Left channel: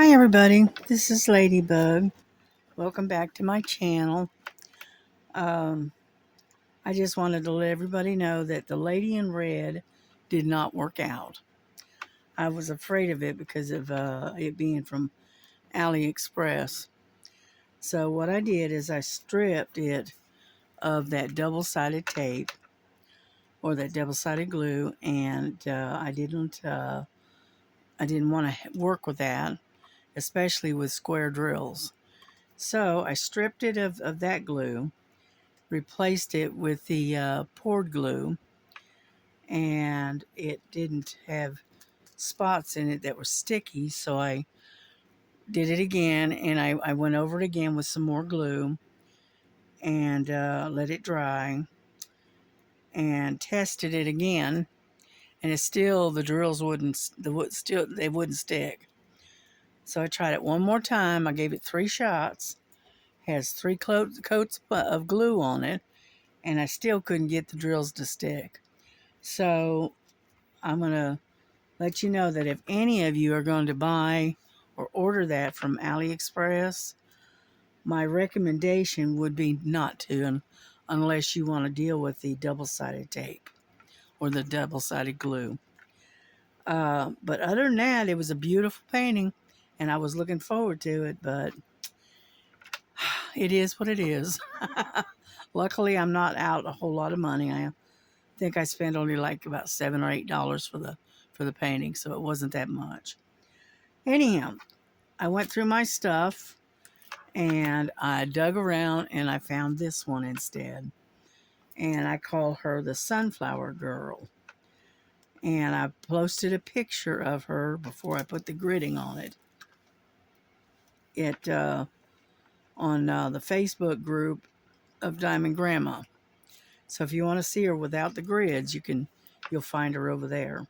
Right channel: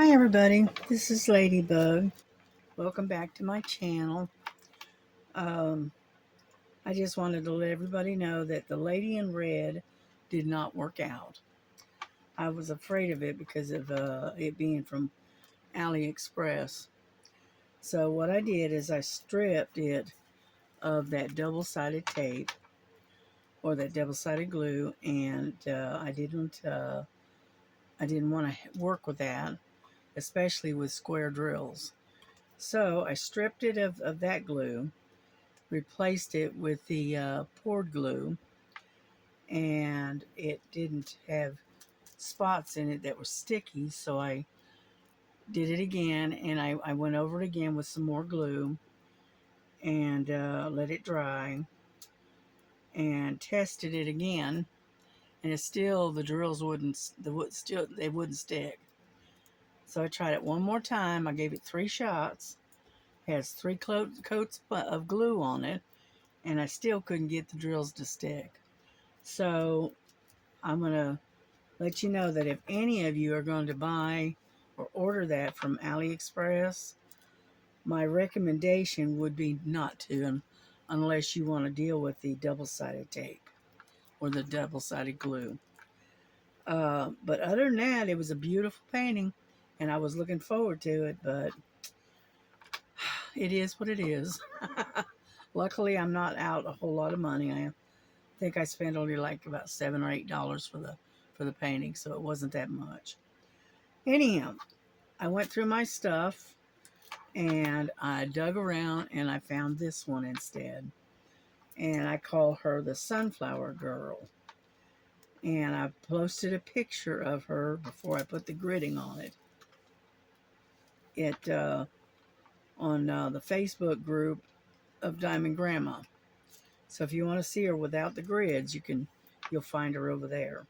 Hi everybody, this is Ladybug. Welcome back to my channel. Um, I just wanted to let everybody know that the lady in red did not work out. I was afraid of it because of it being from AliExpress. So what I did is I stripped it of that double-sided tape or that double-sided glue, and I didn't want to work with that, especially with square drills. So I stripped it of that glue, replaced it with the poured glue, and it didn't have spots in it that were sticky. So I did it again, and I went over it again with some more glue and let it dry and tested it again. And it's still, the drills they wouldn't stick. So I tried it one more time. I gave it 3 shots. Has 3 coats of glue on it, and I still couldn't get the drills to stick. So I'm going to let you know that if any of you are going to buy or order that from AliExpress, my recommendation would be not to, unless you want to deal with the double-sided tape or the double-sided glue. But other than that, it was a beautiful painting, and I was looking forward to it, but it is what it is. Luckily, I'm not out a whole lot of money. I think I spent only like about $7 or $8 for the painting, so it wasn't that much. Anyhow, I went through my stuff and I dug around and I found this one instead. And I call her the Sunflower Girl. And I posted a picture of her before I put the gridding on it. On the Facebook group of Diamond Grandma. So if you want to see her without the grids, you'll find her over there.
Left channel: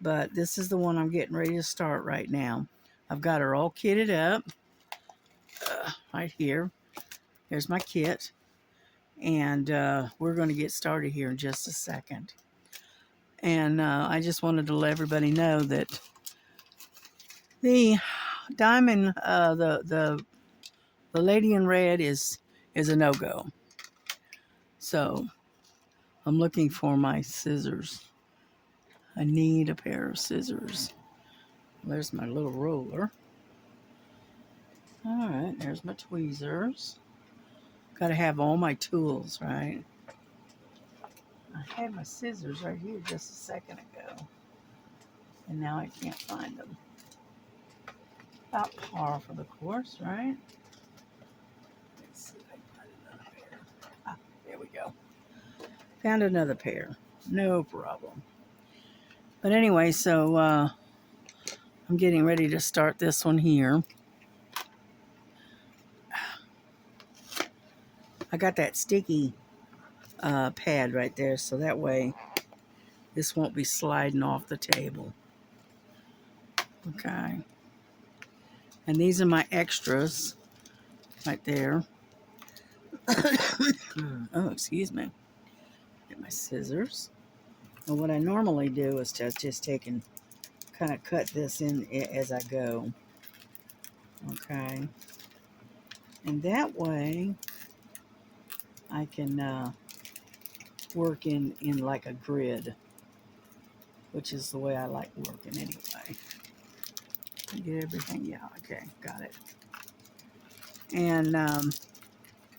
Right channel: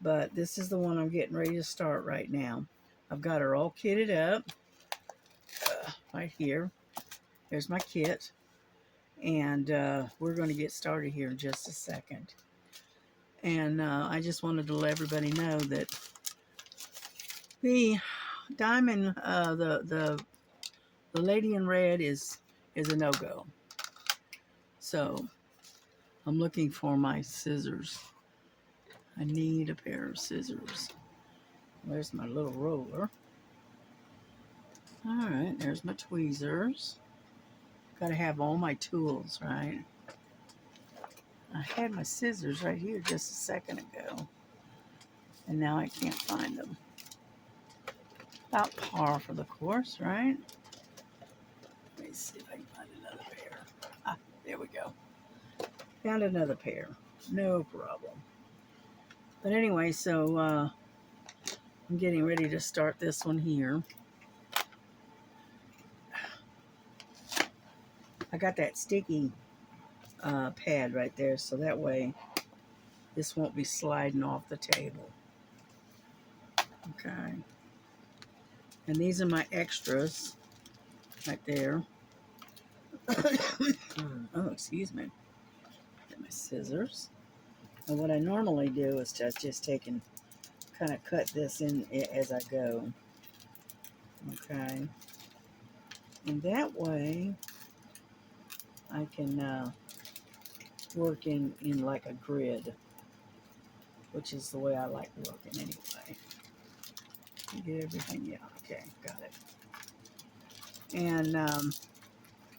But this is the one I'm getting ready to start right now. I've got her all kitted up right here. There's my kit. And we're going to get started here in just a second. And I just wanted to let everybody know that the diamond, the lady in red is a no-go. So I'm looking for my scissors. I need a pair of scissors. There's my little roller. All right, there's my tweezers. Got to have all my tools, right? I had my scissors right here just a second ago, and now I can't find them. About par for the course, right? Let me see if I can find another pair. Ah, there we go. Found another pair. No problem. But anyway, so I'm getting ready to start this one here. I got that sticky pad right there, so that way this won't be sliding off the table. Okay. And these are my extras right there. Oh, excuse me. Get my scissors. Well, what I normally do is just take and kind of cut this in as I go. Okay. And that way I can work in like a grid, which is the way I like working anyway. Get everything, yeah, okay, got it. And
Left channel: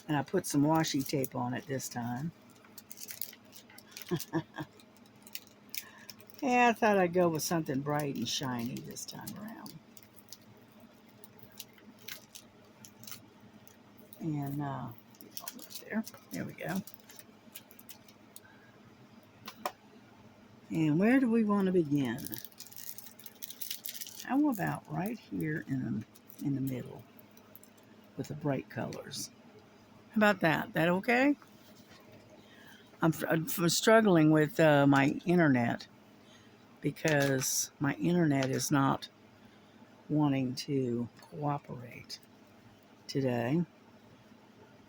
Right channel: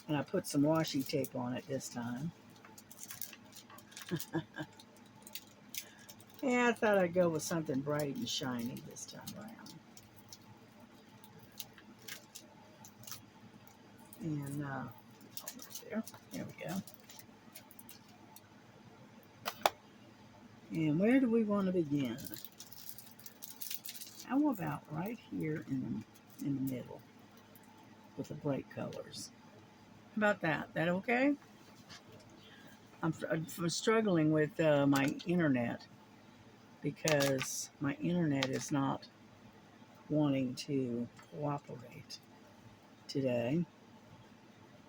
I put some washi tape on it this time. Yeah, I thought I'd go with something bright and shiny this time around. And there we go. And where do we want to begin? How about right here in the middle with the bright colors? How about that? That okay? I'm struggling with my internet because my internet is not wanting to cooperate today,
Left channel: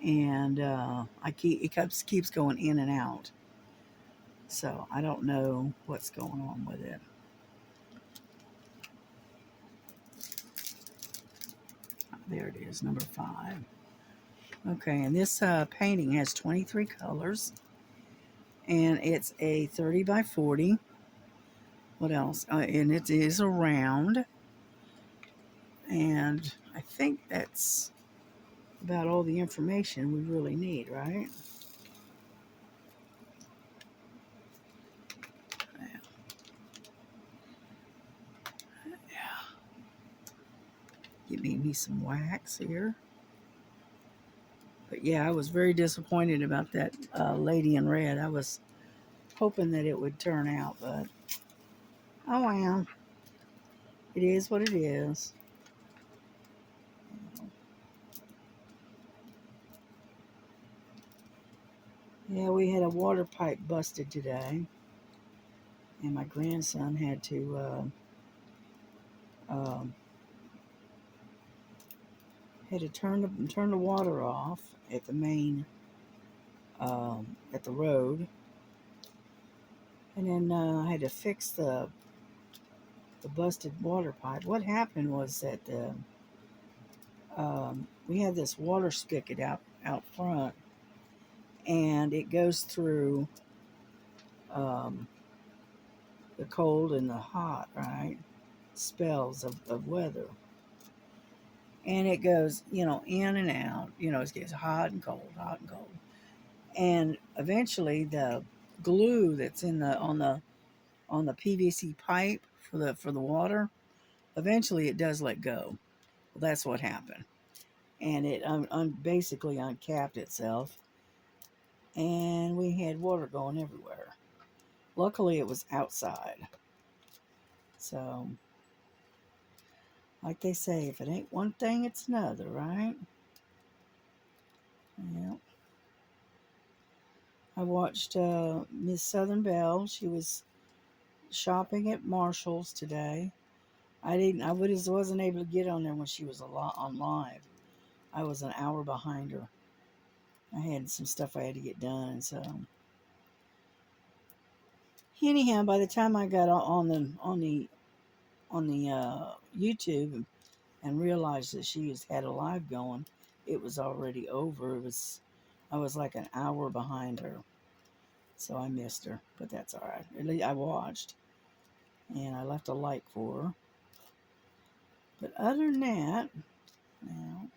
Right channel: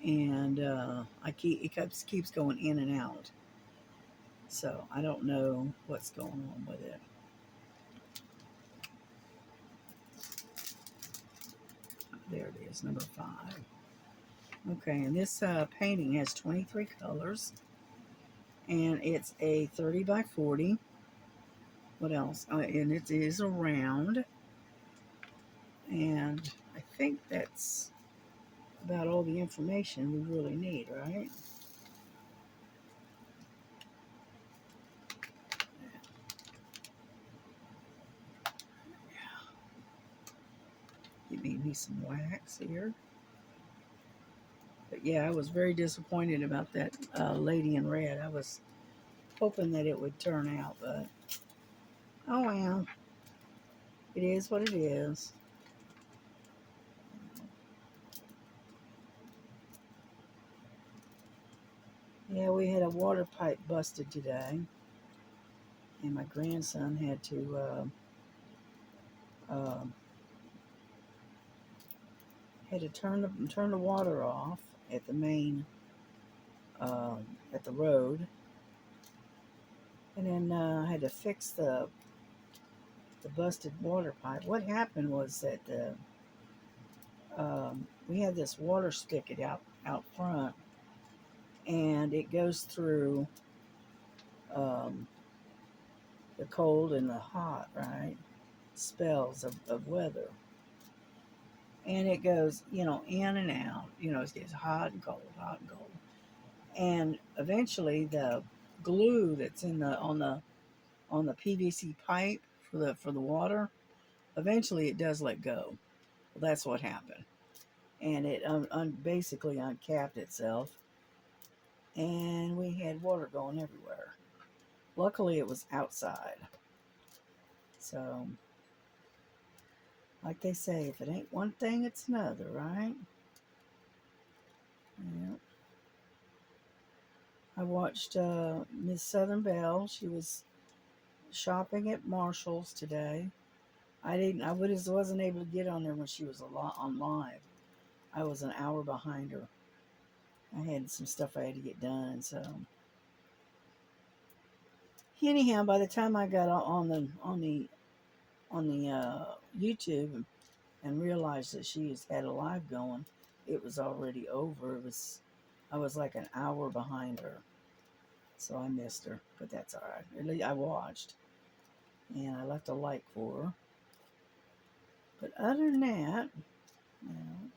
and it keeps going in and out. So I don't know what's going on with it. There it is, number 5. Okay, and this painting has 23 colors, and it's a 30 by 40. What else? And it is a round, and I think that's about all the information we really need, right? Yeah. Give me some wax here. But yeah, I was very disappointed about that lady in red. I was hoping that it would turn out, but oh well. It is what it is. Yeah, we had a water pipe busted today, and my grandson uh, had to turn the water off at the main at the road, and then had to fix the busted water pipe. What happened was that we had this water spigot out front, and it goes through um, the cold and the hot, right? Spells of weather. And it goes, in and out. It gets hot and cold, hot and cold. And eventually the glue that's in the on the PVC pipe for the water, eventually it does let go. Well, that's what happened. And it basically uncapped itself, and we had water going everywhere. Luckily, it was outside. So, like they say, if it ain't one thing, it's another, right? Yeah. I watched Miss Southern Belle. She was shopping at Marshall's today. I wasn't able to get on there when she was on live. I was an hour behind her. I had some stuff I had to get done, so anyhow, by the time I got on the YouTube and realized that had a live going, it was already over. I was like an hour behind her, so I missed her. But that's all right. At least I watched, and I left a like for her. But other than that, now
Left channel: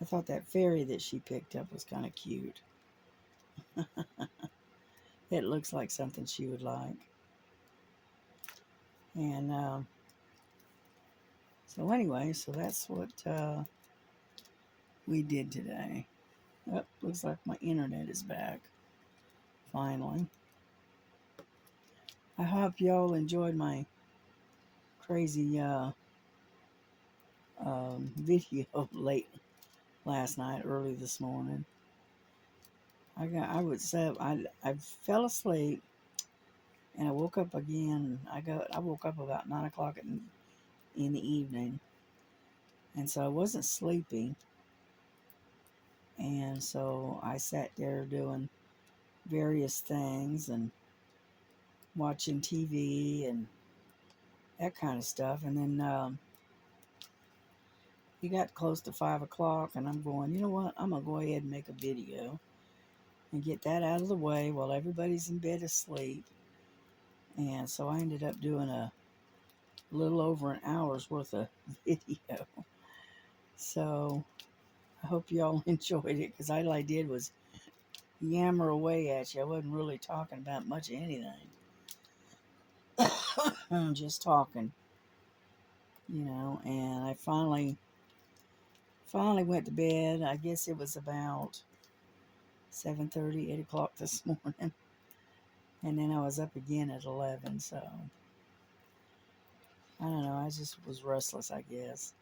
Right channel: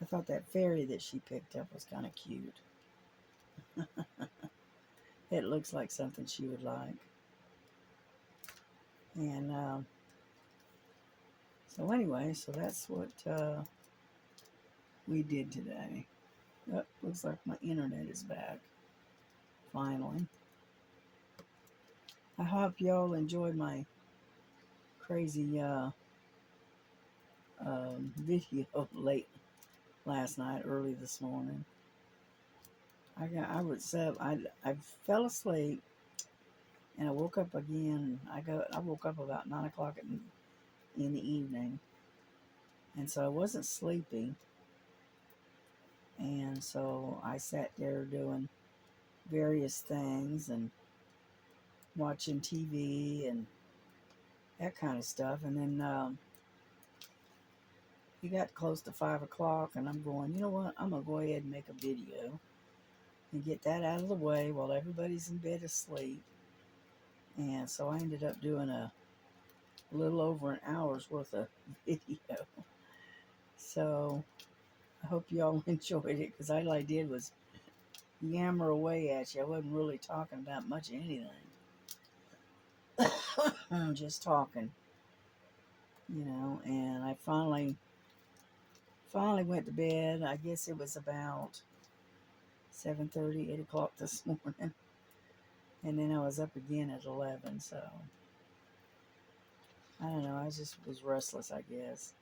I thought that fairy that she picked up was kind of cute. It looks like something she would like. And so anyway, so that's what we did today. Oh, looks like my internet is back. Finally. I hope y'all enjoyed my crazy video late last night, early this morning. I fell asleep and I woke up again. I woke up about 9 o'clock in the evening, and so I wasn't sleeping, and so I sat there doing various things and watching TV and that kind of stuff, and then it got close to 5 o'clock, and I'm going, you know what? I'm gonna go ahead and make a video and get that out of the way while everybody's in bed asleep. And so I ended up doing a little over an hour's worth of video. So I hope y'all enjoyed it, because all I did was yammer away at you. I wasn't really talking about much of anything. Just talking, and I finally went to bed. I guess it was about 7:30, 8 o'clock this morning. And then I was up again at 11, so I don't know. I just was restless, I guess.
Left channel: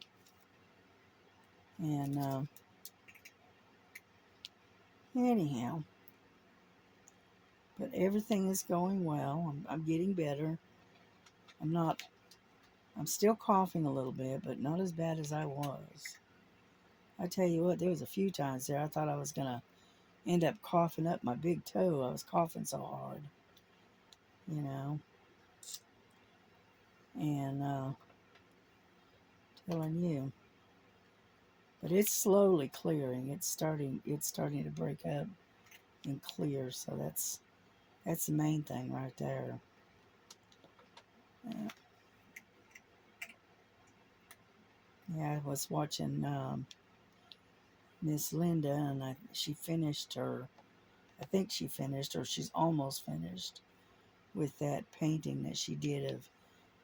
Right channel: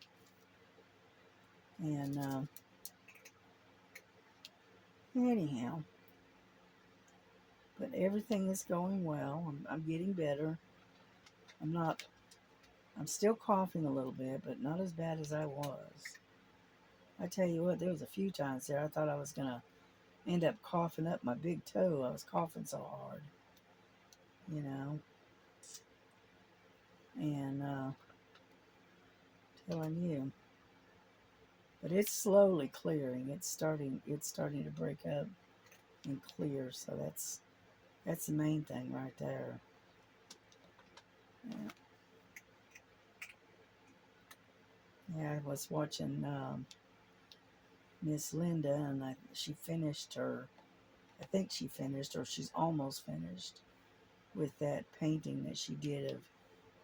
And anyhow, but everything is going well. I'm getting better. I'm not, I'm still coughing a little bit, but not as bad as I was. I tell you what, there was a few times there I thought I was going to end up coughing up my big toe. I was coughing so hard, you know. And telling you. But it's slowly clearing. It's starting to break up and clear. So that's the main thing right there. Yeah, yeah, I was watching Miss Linda, and she finished her. I think she finished, or she's almost finished with that painting that she did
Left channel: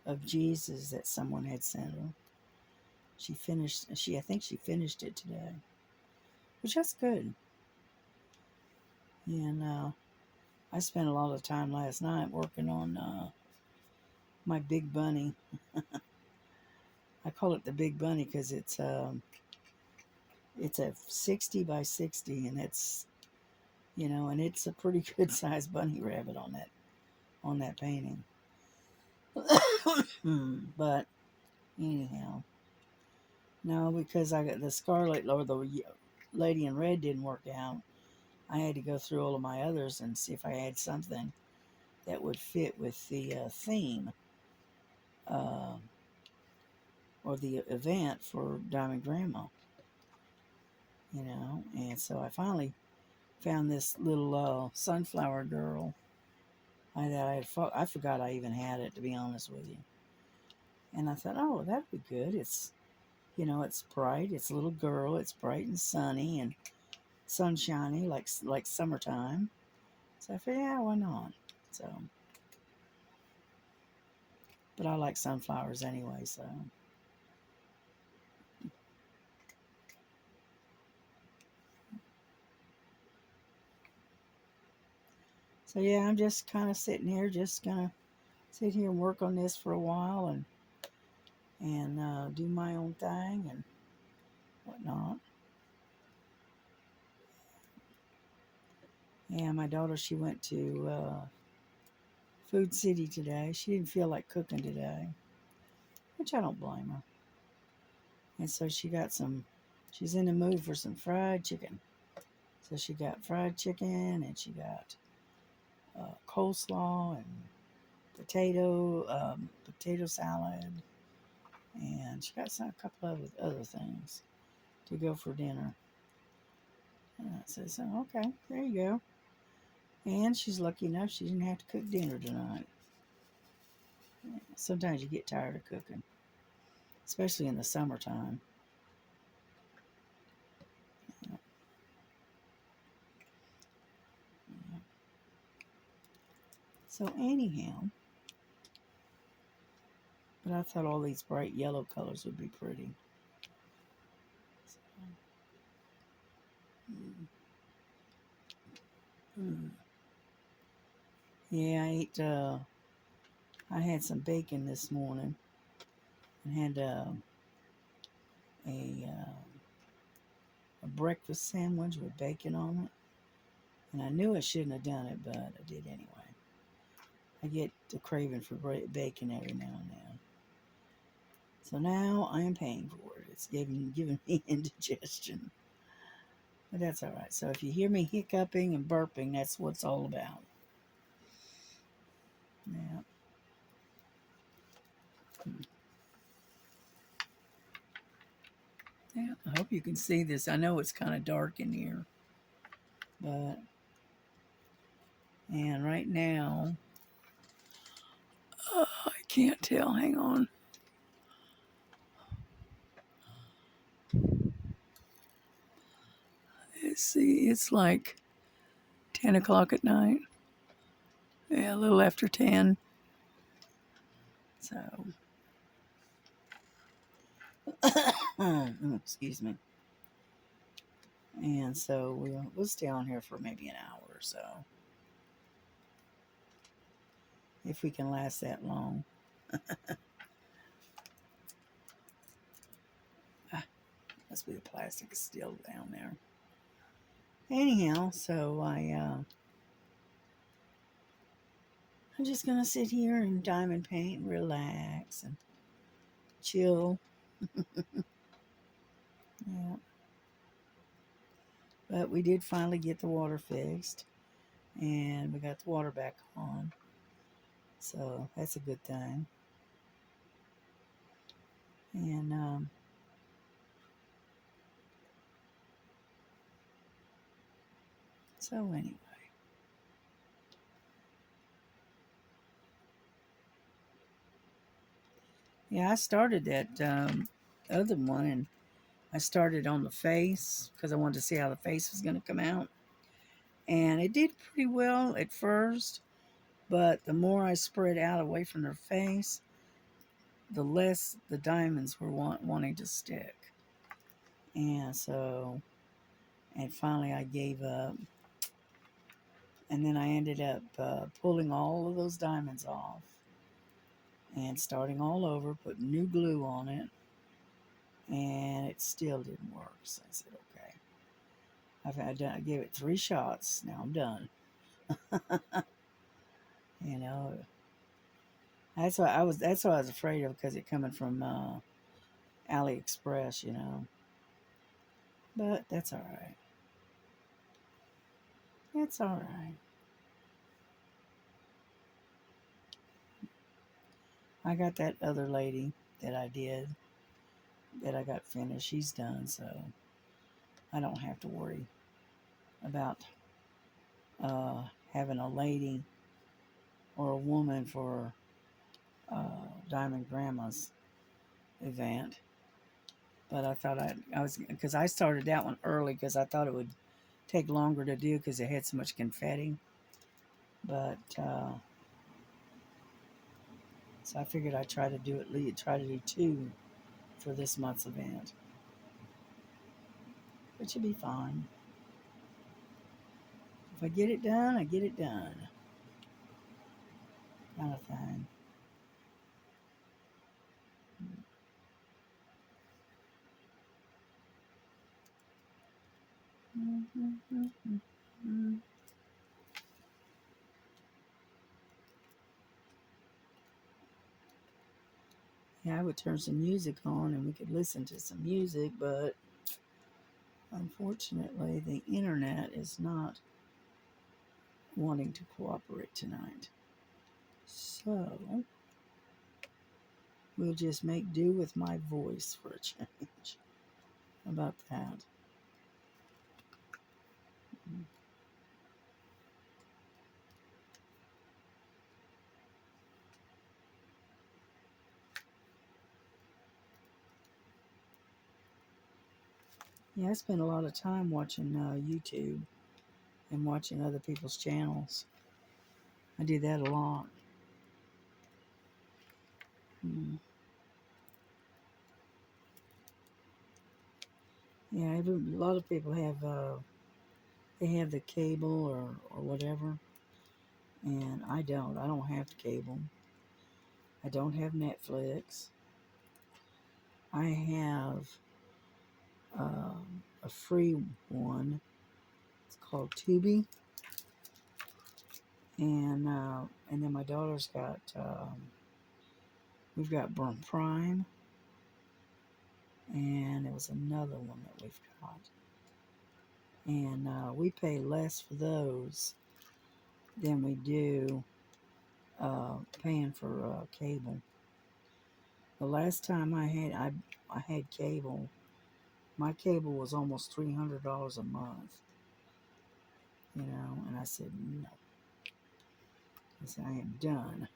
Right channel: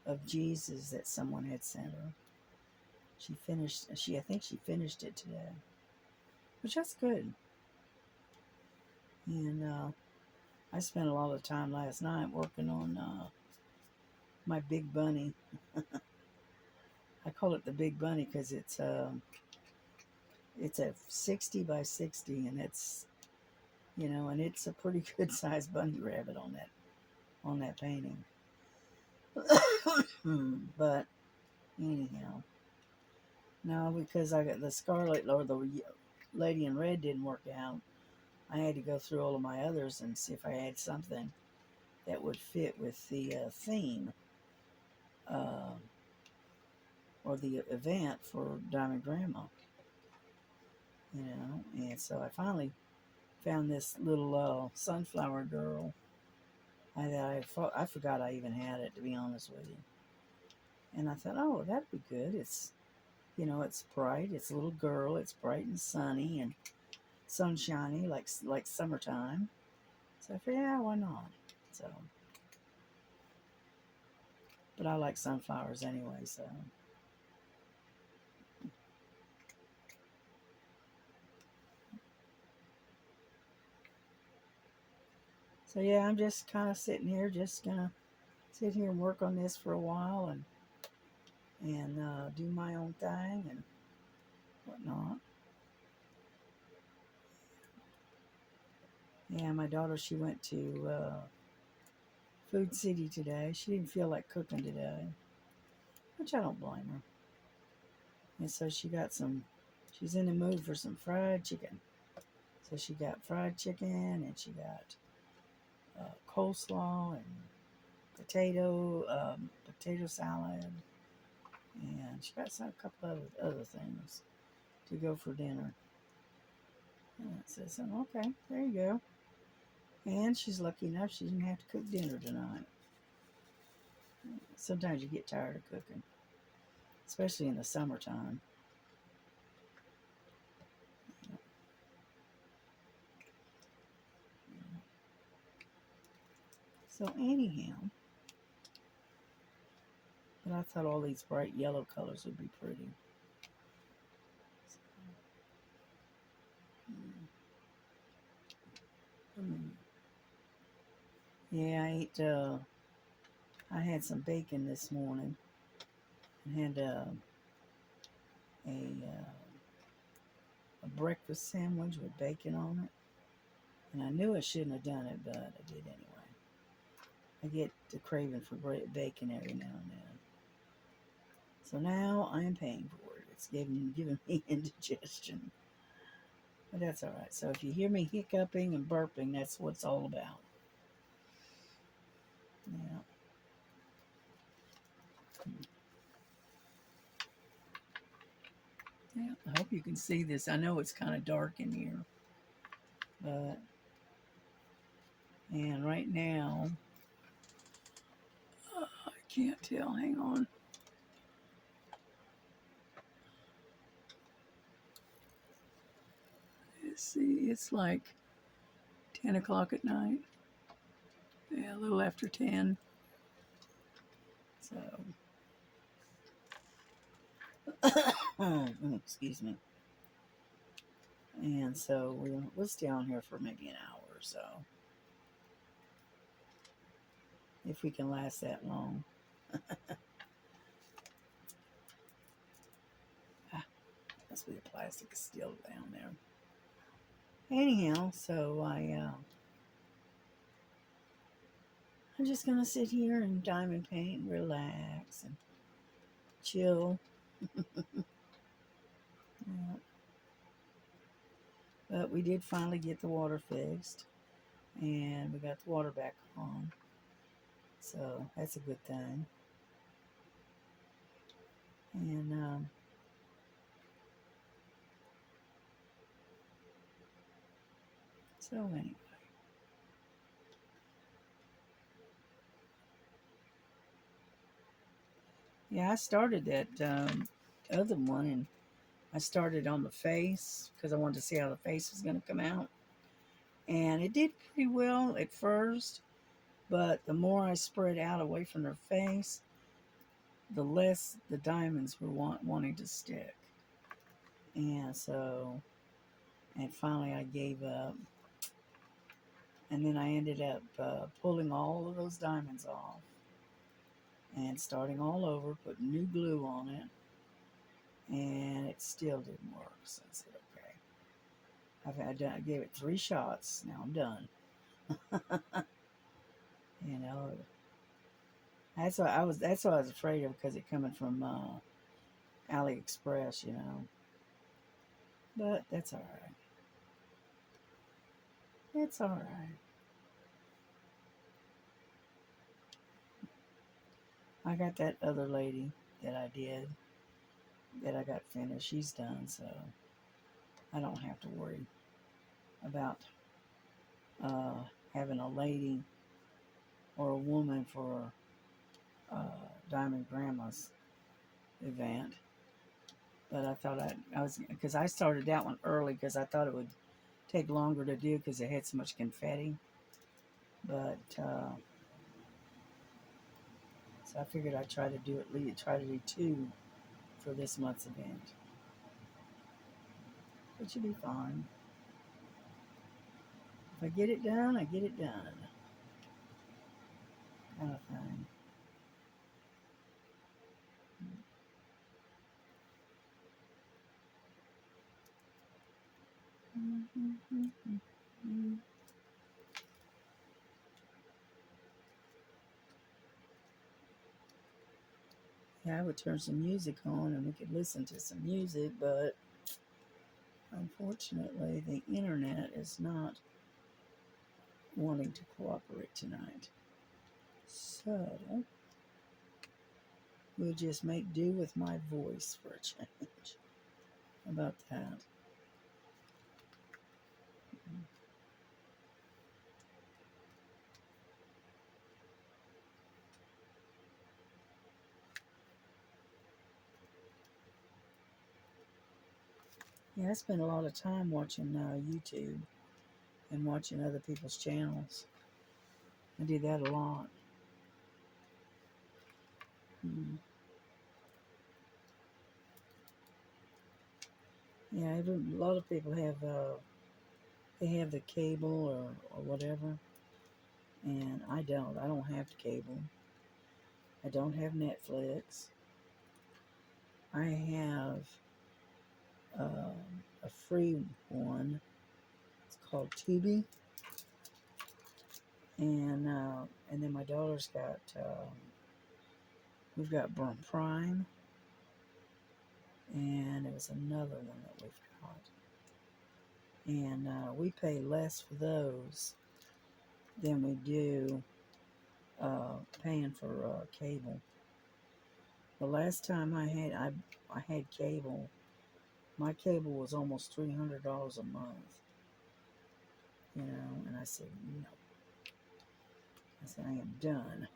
of Jesus that someone had sent her. She finished. I think she finished it today, which that's good. And I spent a lot of time last night working on my big bunny. I call it the big bunny because it's a 60 by 60, and and it's a pretty good sized bunny rabbit on that painting. But anyhow, no, because I got the scarlet or the lady in red didn't work out. I had to go through all of my others and see if I had something that would fit with the theme uh, or the event for Diamond Grandma, And so I finally found this little sunflower girl. I forgot I even had it, to be honest with you. And I thought, oh, that'd be good. It's bright. It's a little girl. It's bright and sunny and sunshiny, like summertime. So I figured, yeah, why not? So, but I like sunflowers anyway. So yeah, I'm just kind of sitting here, just gonna sit here and work on this for a while and do my own thing and whatnot. Yeah, my daughter, she went to Food City today. She didn't feel like cooking today, which I don't blame her. And so she's in the mood for some fried chicken. So she got fried chicken and she got coleslaw and potato salad, and she got a couple of other things to go for dinner. And I said, so okay, there you go. And she's lucky enough she didn't have to cook dinner tonight. Sometimes you get tired of cooking, especially in the summertime. So anyhow, but I thought all these bright yellow colors would be pretty. Mm. Mm. Yeah, I had some bacon this morning and had a a breakfast sandwich with bacon on it. And I knew I shouldn't have done it, but I did anyway. I get the craving for bacon every now and then. So now I am paying for it. It's giving me indigestion. But that's all right. So if you hear me hiccuping and burping, that's what it's all about. Yeah. Yeah. I hope you can see this. I know it's kind of dark in here. But, and right now, I can't tell. Hang on. Let's see. It's like 10 o'clock at night. Yeah, a little after 10. So, excuse me. And so we'll stay on here for maybe an hour or so, if we can last that long. Must be the plastic is still down there. Anyhow, so I'm just gonna sit here and diamond paint and relax and chill. Yeah. But we did finally get the water fixed, and we got the water back on, so that's a good thing. And so anyway, yeah, I started that other one, and I started on the face because I wanted to see how the face was going to come out. And it did pretty well at first, but the more I spread out away from her face, the less the diamonds were wanting to stick. And so, and finally I gave up. And then I ended up pulling all of those diamonds off and starting all over, putting new glue on it. And it still didn't work. So I said, okay. I gave it 3 shots. Now I'm done. You know, that's what I was afraid of because it coming from AliExpress, you know. But that's all right. It's all right. I got that other lady that I did that I got finished. She's done, so I don't have to worry about uh, having a lady or a woman for Diamond Grandma's event. But I thought I was because I started that one early because I thought it would take longer to do because it had so much confetti. But so I figured I'd try to do try to do 2 for this month's event. It should be fine. If I get it done, I get it done. Kind of thing. Yeah, I would turn some music on and we could listen to some music, but unfortunately, the internet is not wanting to cooperate tonight. So we'll just make do with my voice for a change. How about that? Yeah, I spend a lot of time watching YouTube and watching other people's channels. I do that a lot. Hmm. Yeah, a lot of people have they have the cable or whatever, and I don't. I don't have cable. I don't have Netflix. I have a free one. It's called Tubi, and then my daughter's got we've got Prime, and it was another one that we've got, and we pay less for those than we do paying for cable. The last time I had cable, my cable was almost $300 a month. You know, and I said no. I said I am done.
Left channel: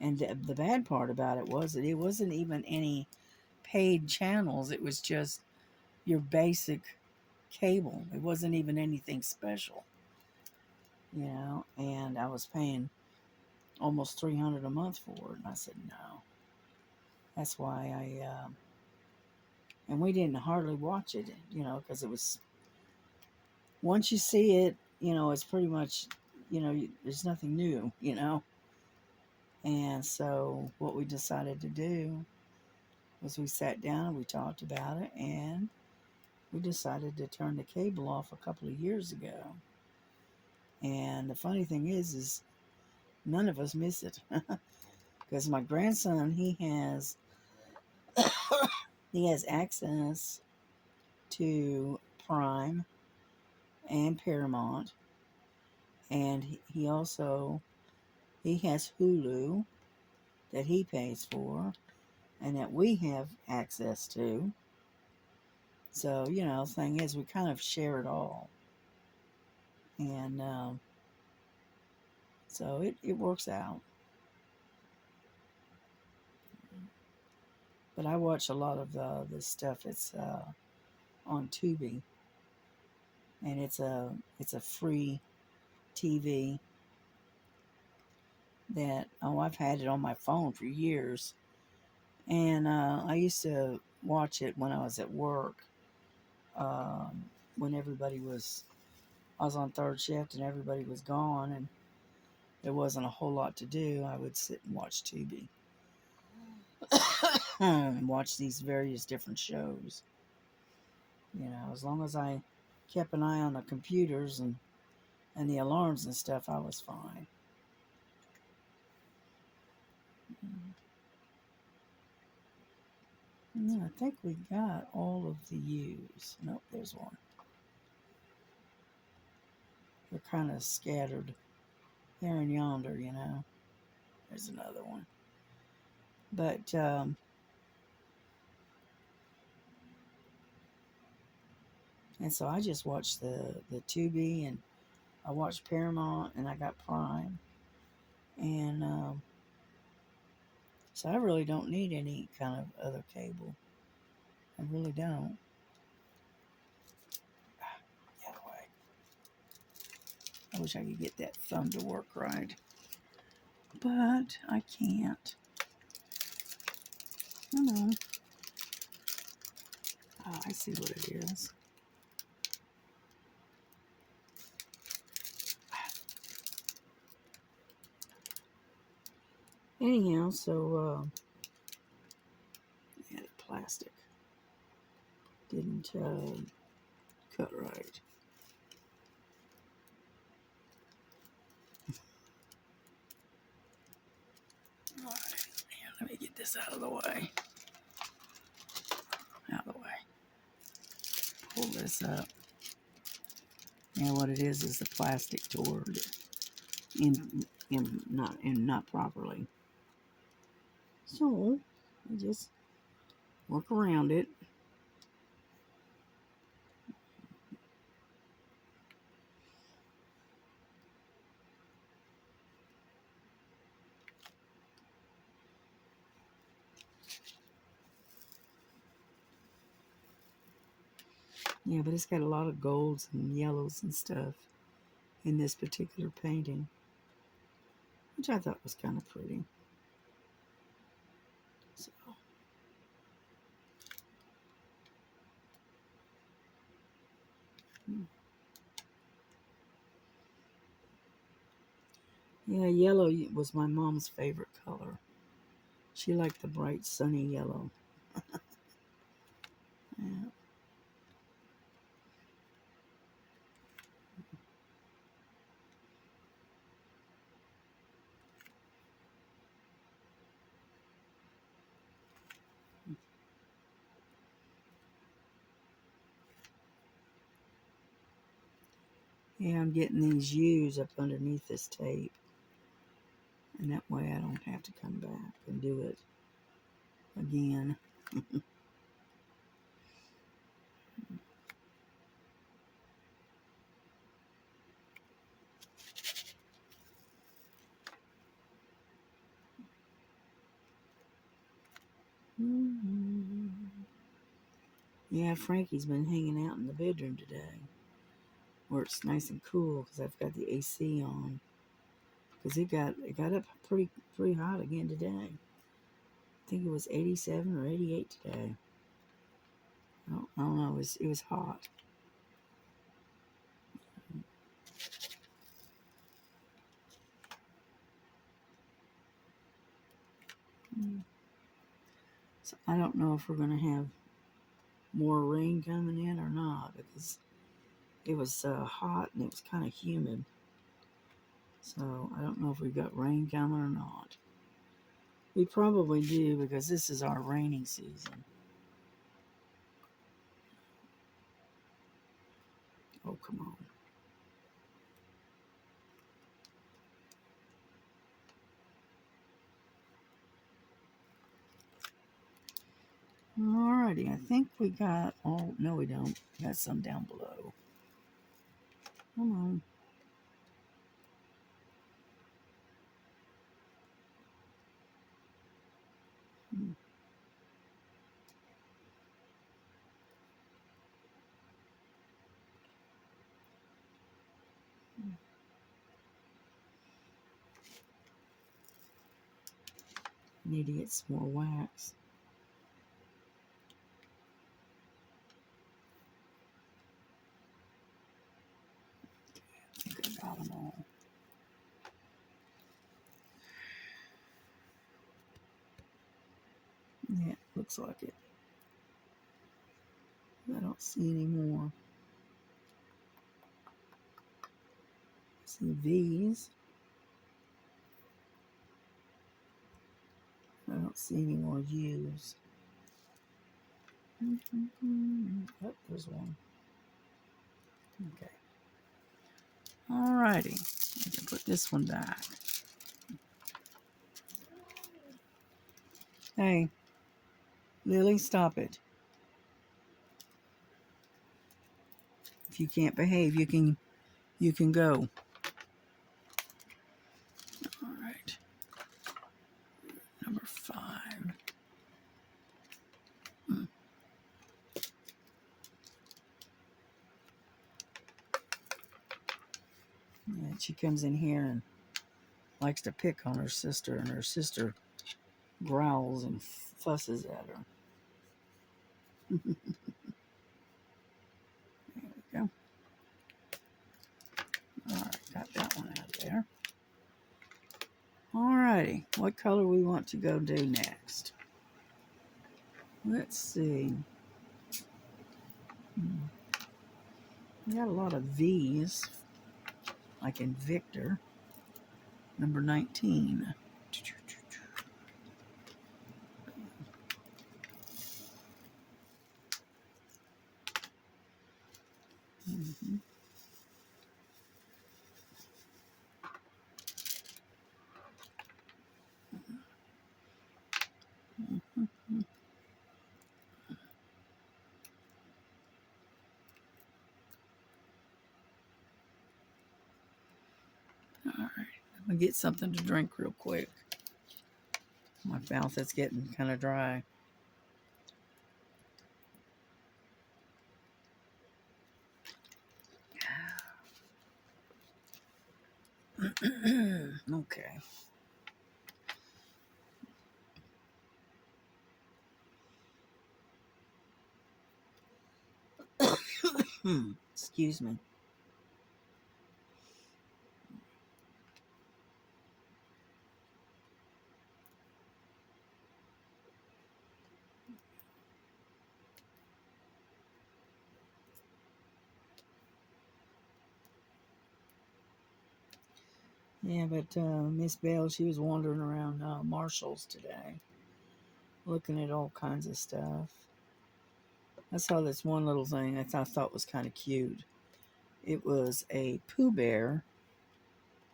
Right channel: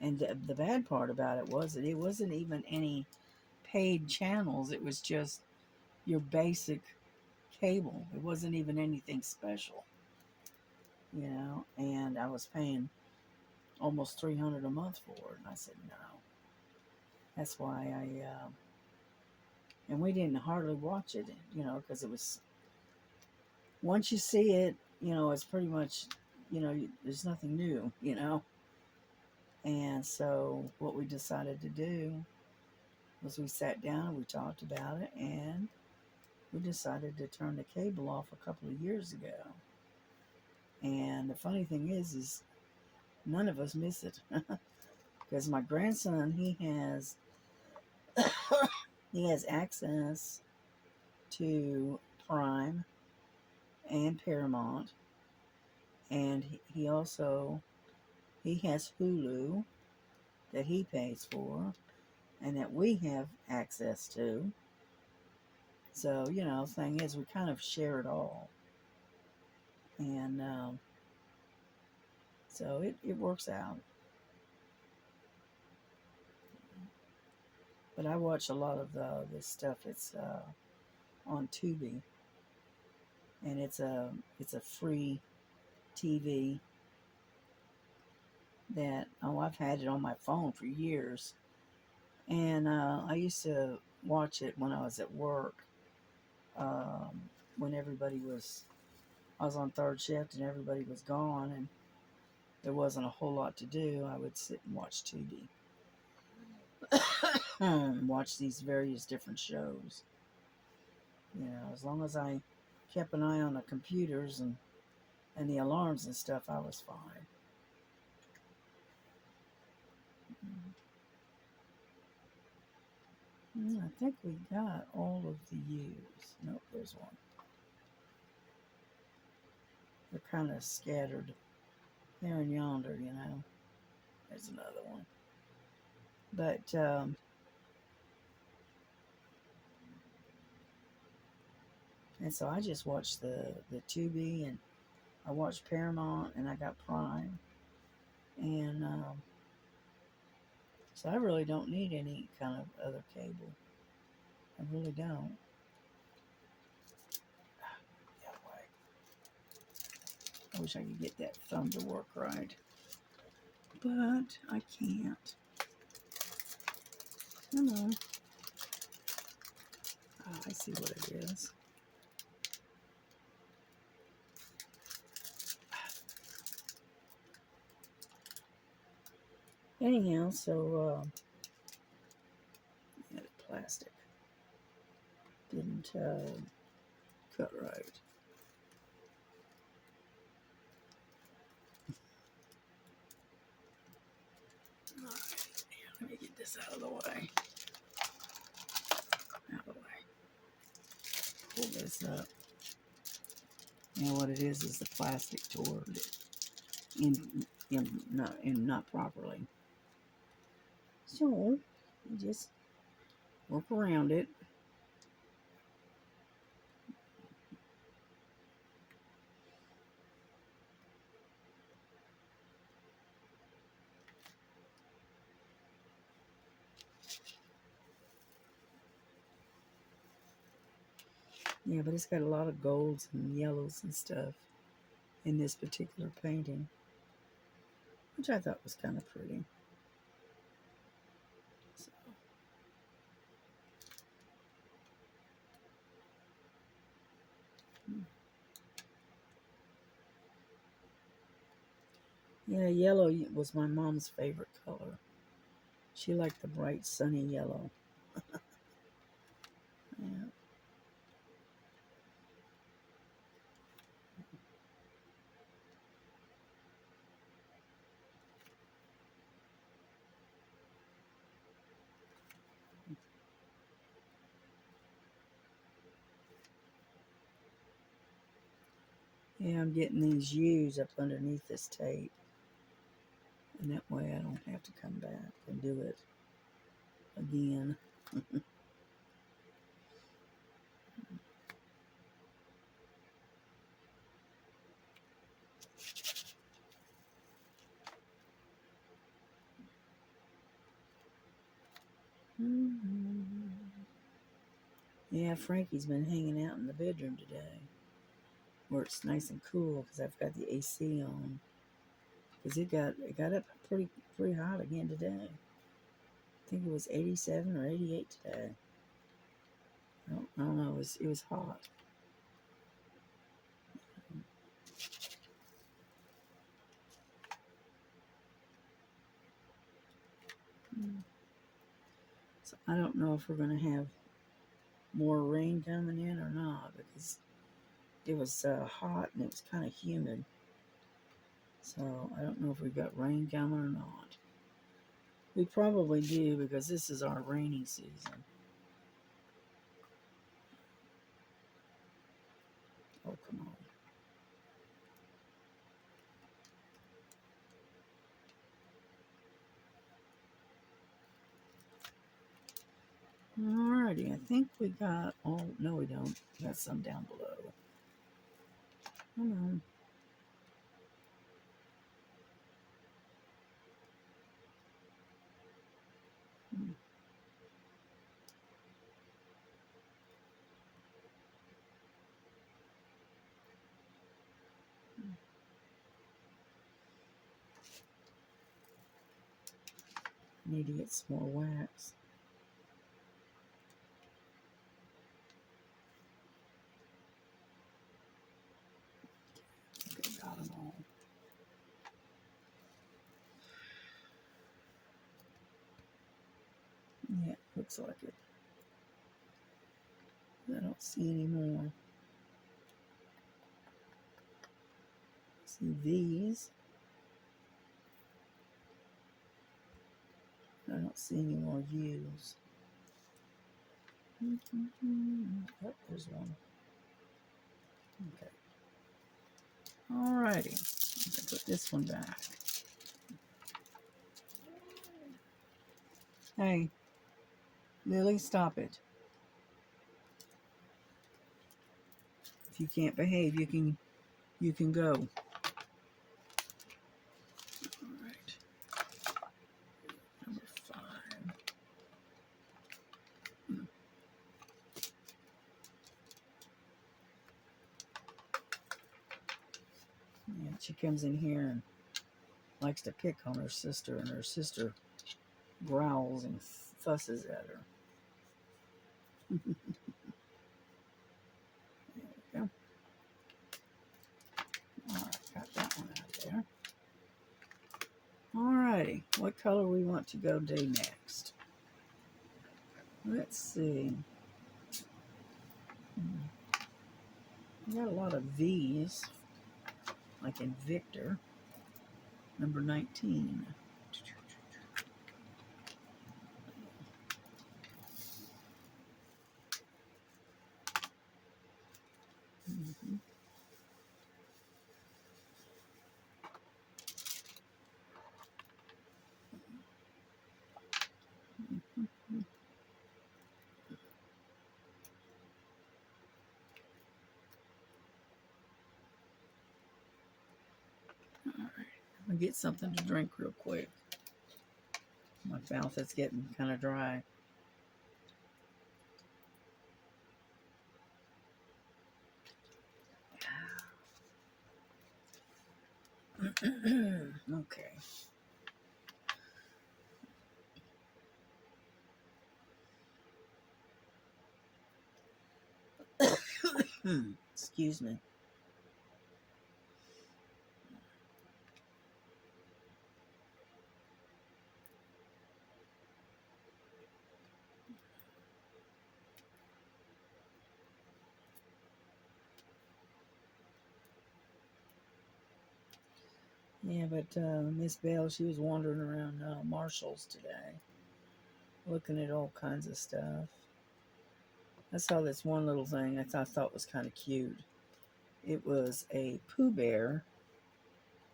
And the bad part about it was that it wasn't even any paid channels. It was just your basic cable. It wasn't even anything special, you know. And I was paying almost 300 a month for it. And I said no. That's why and we didn't hardly watch it, you know, because it was once you see it, you know, it's pretty much, you know, there's nothing new, you know. And so what we decided to do was we sat down and we talked about it, and we decided to turn the cable off a couple of years ago. And the funny thing is none of us miss it because my grandson he has access to Prime and Paramount, and he also he has Hulu that he pays for, and that we have access to. So, the thing is, we kind of share it all. And so it works out. But I watch a lot of this stuff. It's on Tubi, and it's a free TV that I've had it on my phone for years, and I used to watch it when I was at work, um, when I was on third shift and everybody was gone and there wasn't a whole lot to do. I would sit and watch Tubi and watch these various different shows. As long as I kept an eye on the computers and the alarms and stuff, I was fine. And then I think we got all of the U's. Nope, there's one. They're kind of scattered there and yonder. There's another one. But and so I just watched the Tubi, and I watched Paramount, and I got Prime, and so I really don't need any kind of other cable. I really don't. Yeah, I wish I could get that thumb to work right, but I can't. Come on. Oh, I see what it is. Anyhow, so yeah, the plastic didn't cut right. All right, yeah, let me get this out of the way. Out of the way. Pull this up. And what it is the plastic tore not properly. So we just work around it. Yeah, but it's got a lot of golds and yellows and stuff in this particular painting, which I thought was kind of pretty. So, yeah, yellow was my mom's favorite color. She liked the bright sunny yellow. Yeah. Yeah, I'm getting these U's up underneath this tape. And that way I don't have to come back and do it again. Yeah, Frankie's been hanging out in the bedroom today, where it's nice and cool because I've got the AC on. Because it got up pretty hot again today. I think it was 87 or 88 today. I don't know. It was hot. So I don't know if we're going to have more rain coming in or not, because it was hot and it was kind of humid. So I don't know if we've got rain coming or not. We probably do, because this is our rainy season. Oh, come on. Alrighty, I think we got all. No, we don't. Got some down below. Come on. Hmm. Need to get some more wax. I think I got them all. Yeah, looks like it. I don't see any more. See V's. I don't see any more U's. Oh, there's one. Okay. Alrighty. I can put this one back. Hey, Lily, stop it. If you can't behave, you can go. All right. Number 5. Yeah, she comes in here and likes to pick on her sister, and her sister growls and fusses at her. There we go. All right, got that one out of there. All righty, what color we want to go do next? Let's see. We got a lot of V's, like in Victor, number 19. Mm-hmm. Mm-hmm. All right, I'm gonna get something to drink real quick. My mouth is getting kind of dry. Okay. Excuse me. Yeah, but Miss Bell, she was wandering around Marshall's today, looking at all kinds of stuff. I saw this one little thing I thought was kind of cute. It was a Pooh Bear,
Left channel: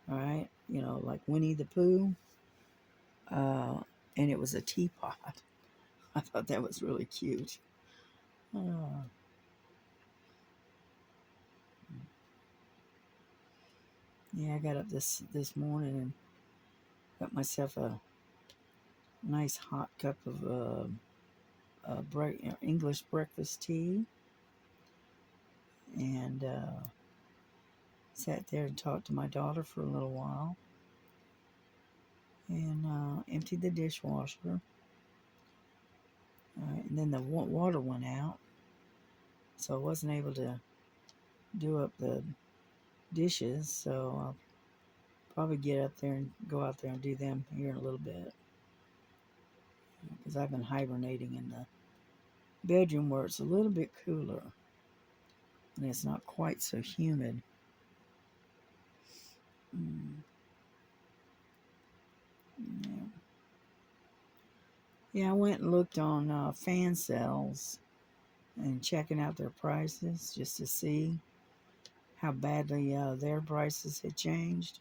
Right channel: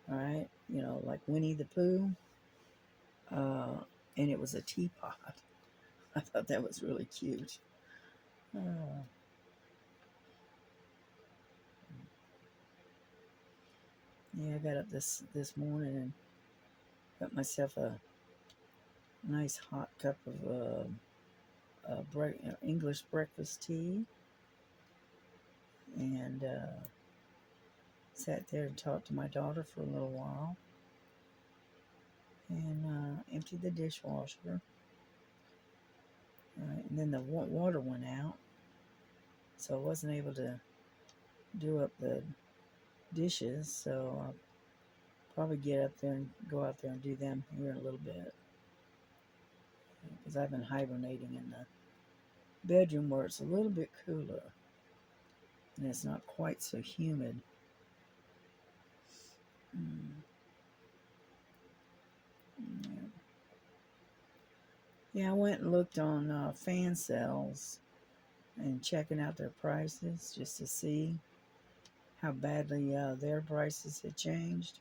right? You know, like Winnie the Pooh, uh, and it was a teapot. I thought that was really cute. Oh. Yeah, I got up this morning and got myself a nice hot cup of English breakfast tea, and sat there and talked to my daughter for a little while, and emptied the dishwasher. And then the water went out, so I wasn't able to do up the dishes. So I'll probably get up there and go out there and do them here in a little bit, because I've been hibernating in the bedroom where it's a little bit cooler and it's not quite so humid. Mm. Yeah. Yeah, I went and looked on fan sales and checking out their prices just to see how badly their prices had changed.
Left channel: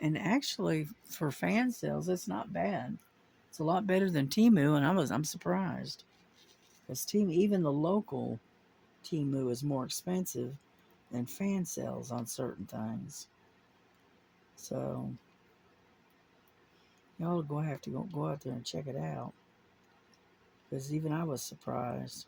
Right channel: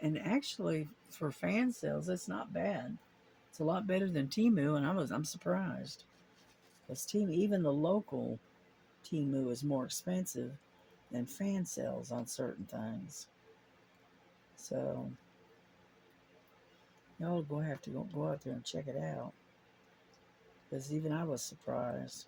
And actually, for fan sales, it's not bad. It's a lot better than Temu, and I'm surprised. Because even the local Temu is more expensive than fan sales on certain things. So y'all will have to go out there and check it out. Because even I was surprised.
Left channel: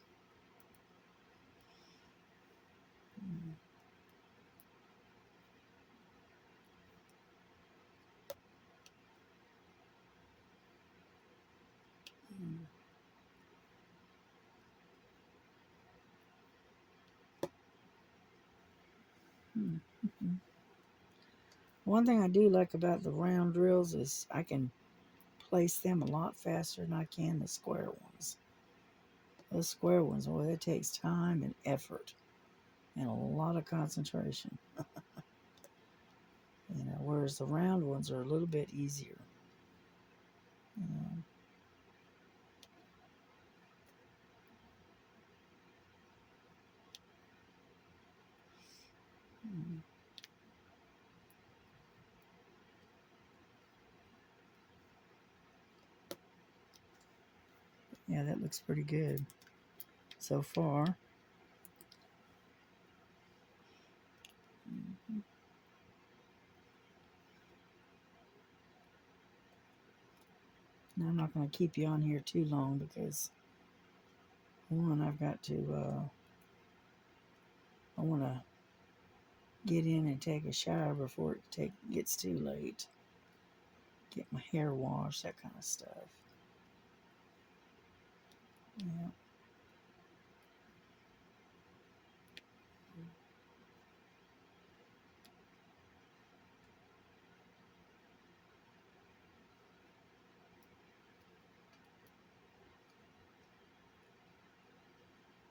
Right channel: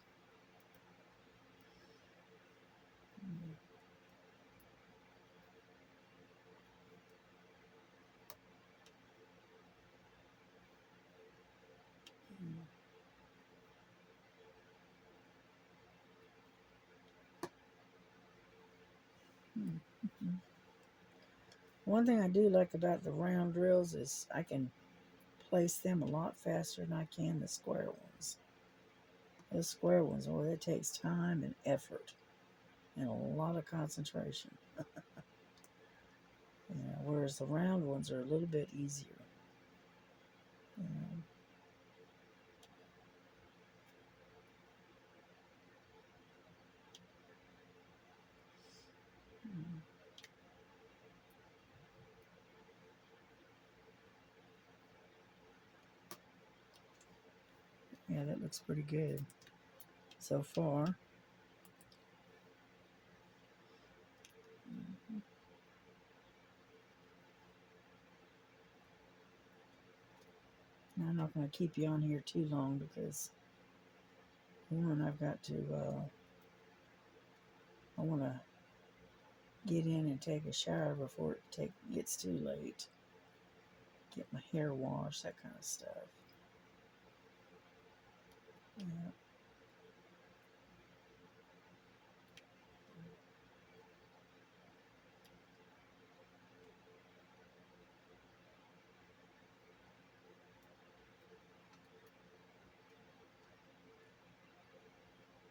One thing I do like about the round drills is I can place them a lot faster than I can the square ones. Those square ones, well, it takes time and effort and a lot of concentration. Whereas the round ones are a little bit easier. You know. Yeah, that looks pretty good so far. Now, I'm not going to keep you on here too long because one, I've got to, I want to get in and take a shower before it gets too late. Get my hair washed, that kind of stuff. Yeah.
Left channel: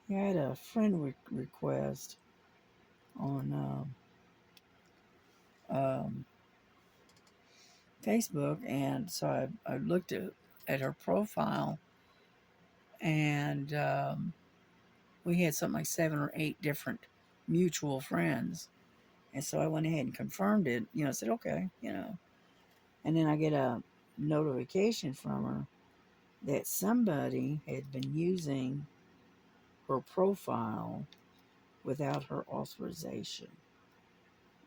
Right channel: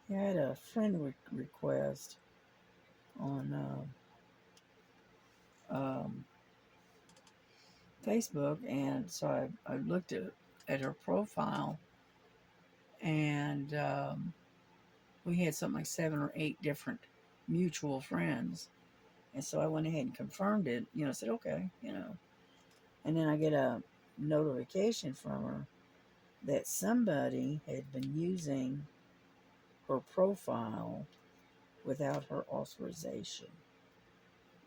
Yeah, I had a friend request on Facebook, and so I looked at her profile, and we had something like 7 or 8 different mutual friends, and so I went ahead and confirmed it. I said okay, and then I get a notification from her that somebody had been using her profile without her authorization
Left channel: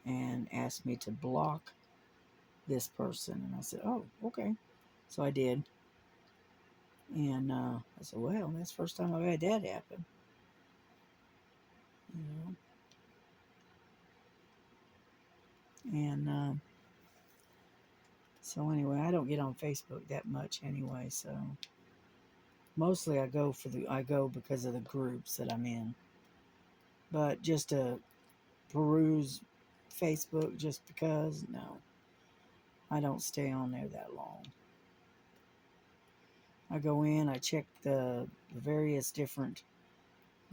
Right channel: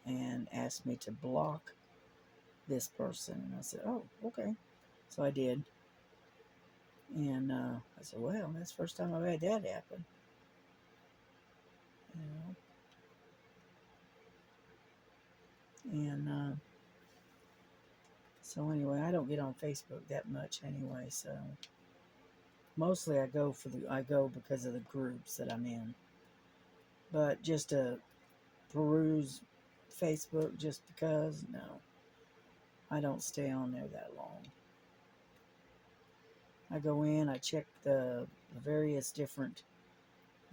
and asked me to block this person. And I said, oh, okay. So I did. And I said, well, that's the first time I've had that happen. You know? And so anyway, I don't get on Facebook that much anyway. So mostly I go because of the groups that I'm in. But just to peruse Facebook just because, no. I don't stay on there that long. I go in, I check the various different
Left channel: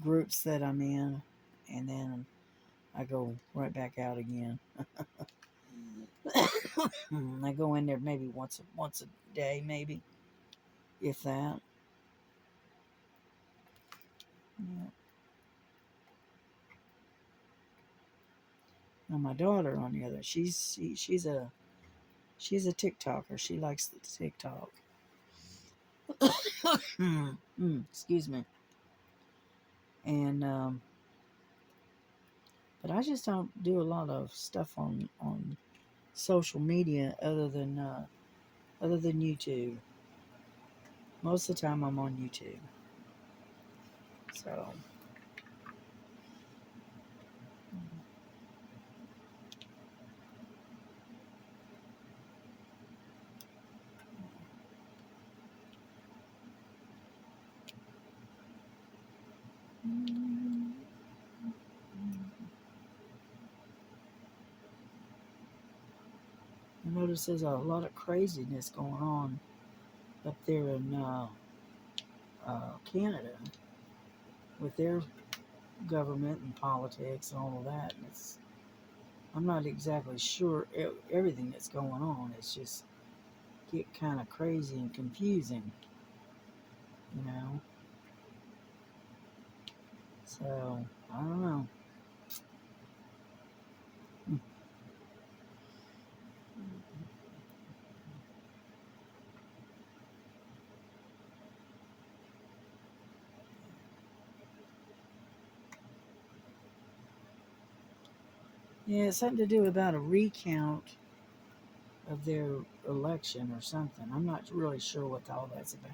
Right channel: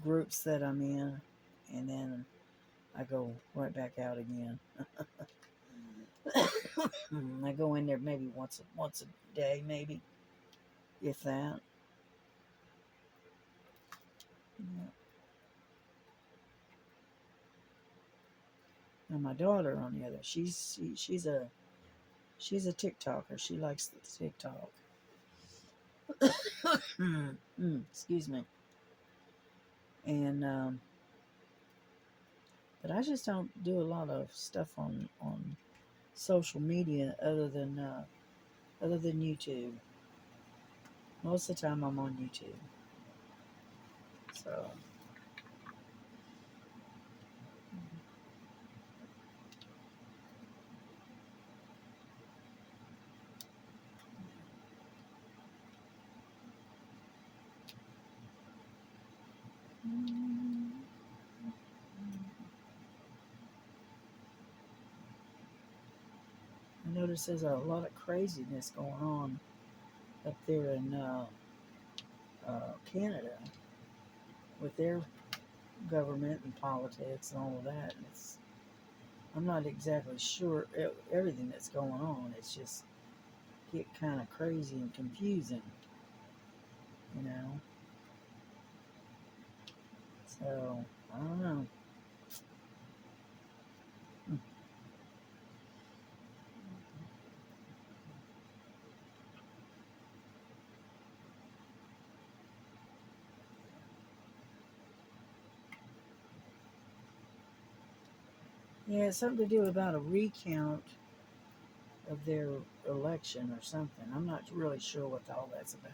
groups that I'm in, and then I go right back out again. I go in there maybe once a day, maybe, if that. Yeah. Now my daughter, on the other, she's a TikToker. She likes the TikTok. Excuse me. And but I just don't do a lot of stuff on social media other than YouTube. Most of the time I'm on YouTube. So I notice there's a lot of craziness going on up there in Canada with their government and politics and all of that. And I'm not exactly sure everything that's going on. It's just get kind of crazy and confusing, you know. So I don't know. Yeah, it's something to do about a recount of their election or something. I'm not really sure what all that's about.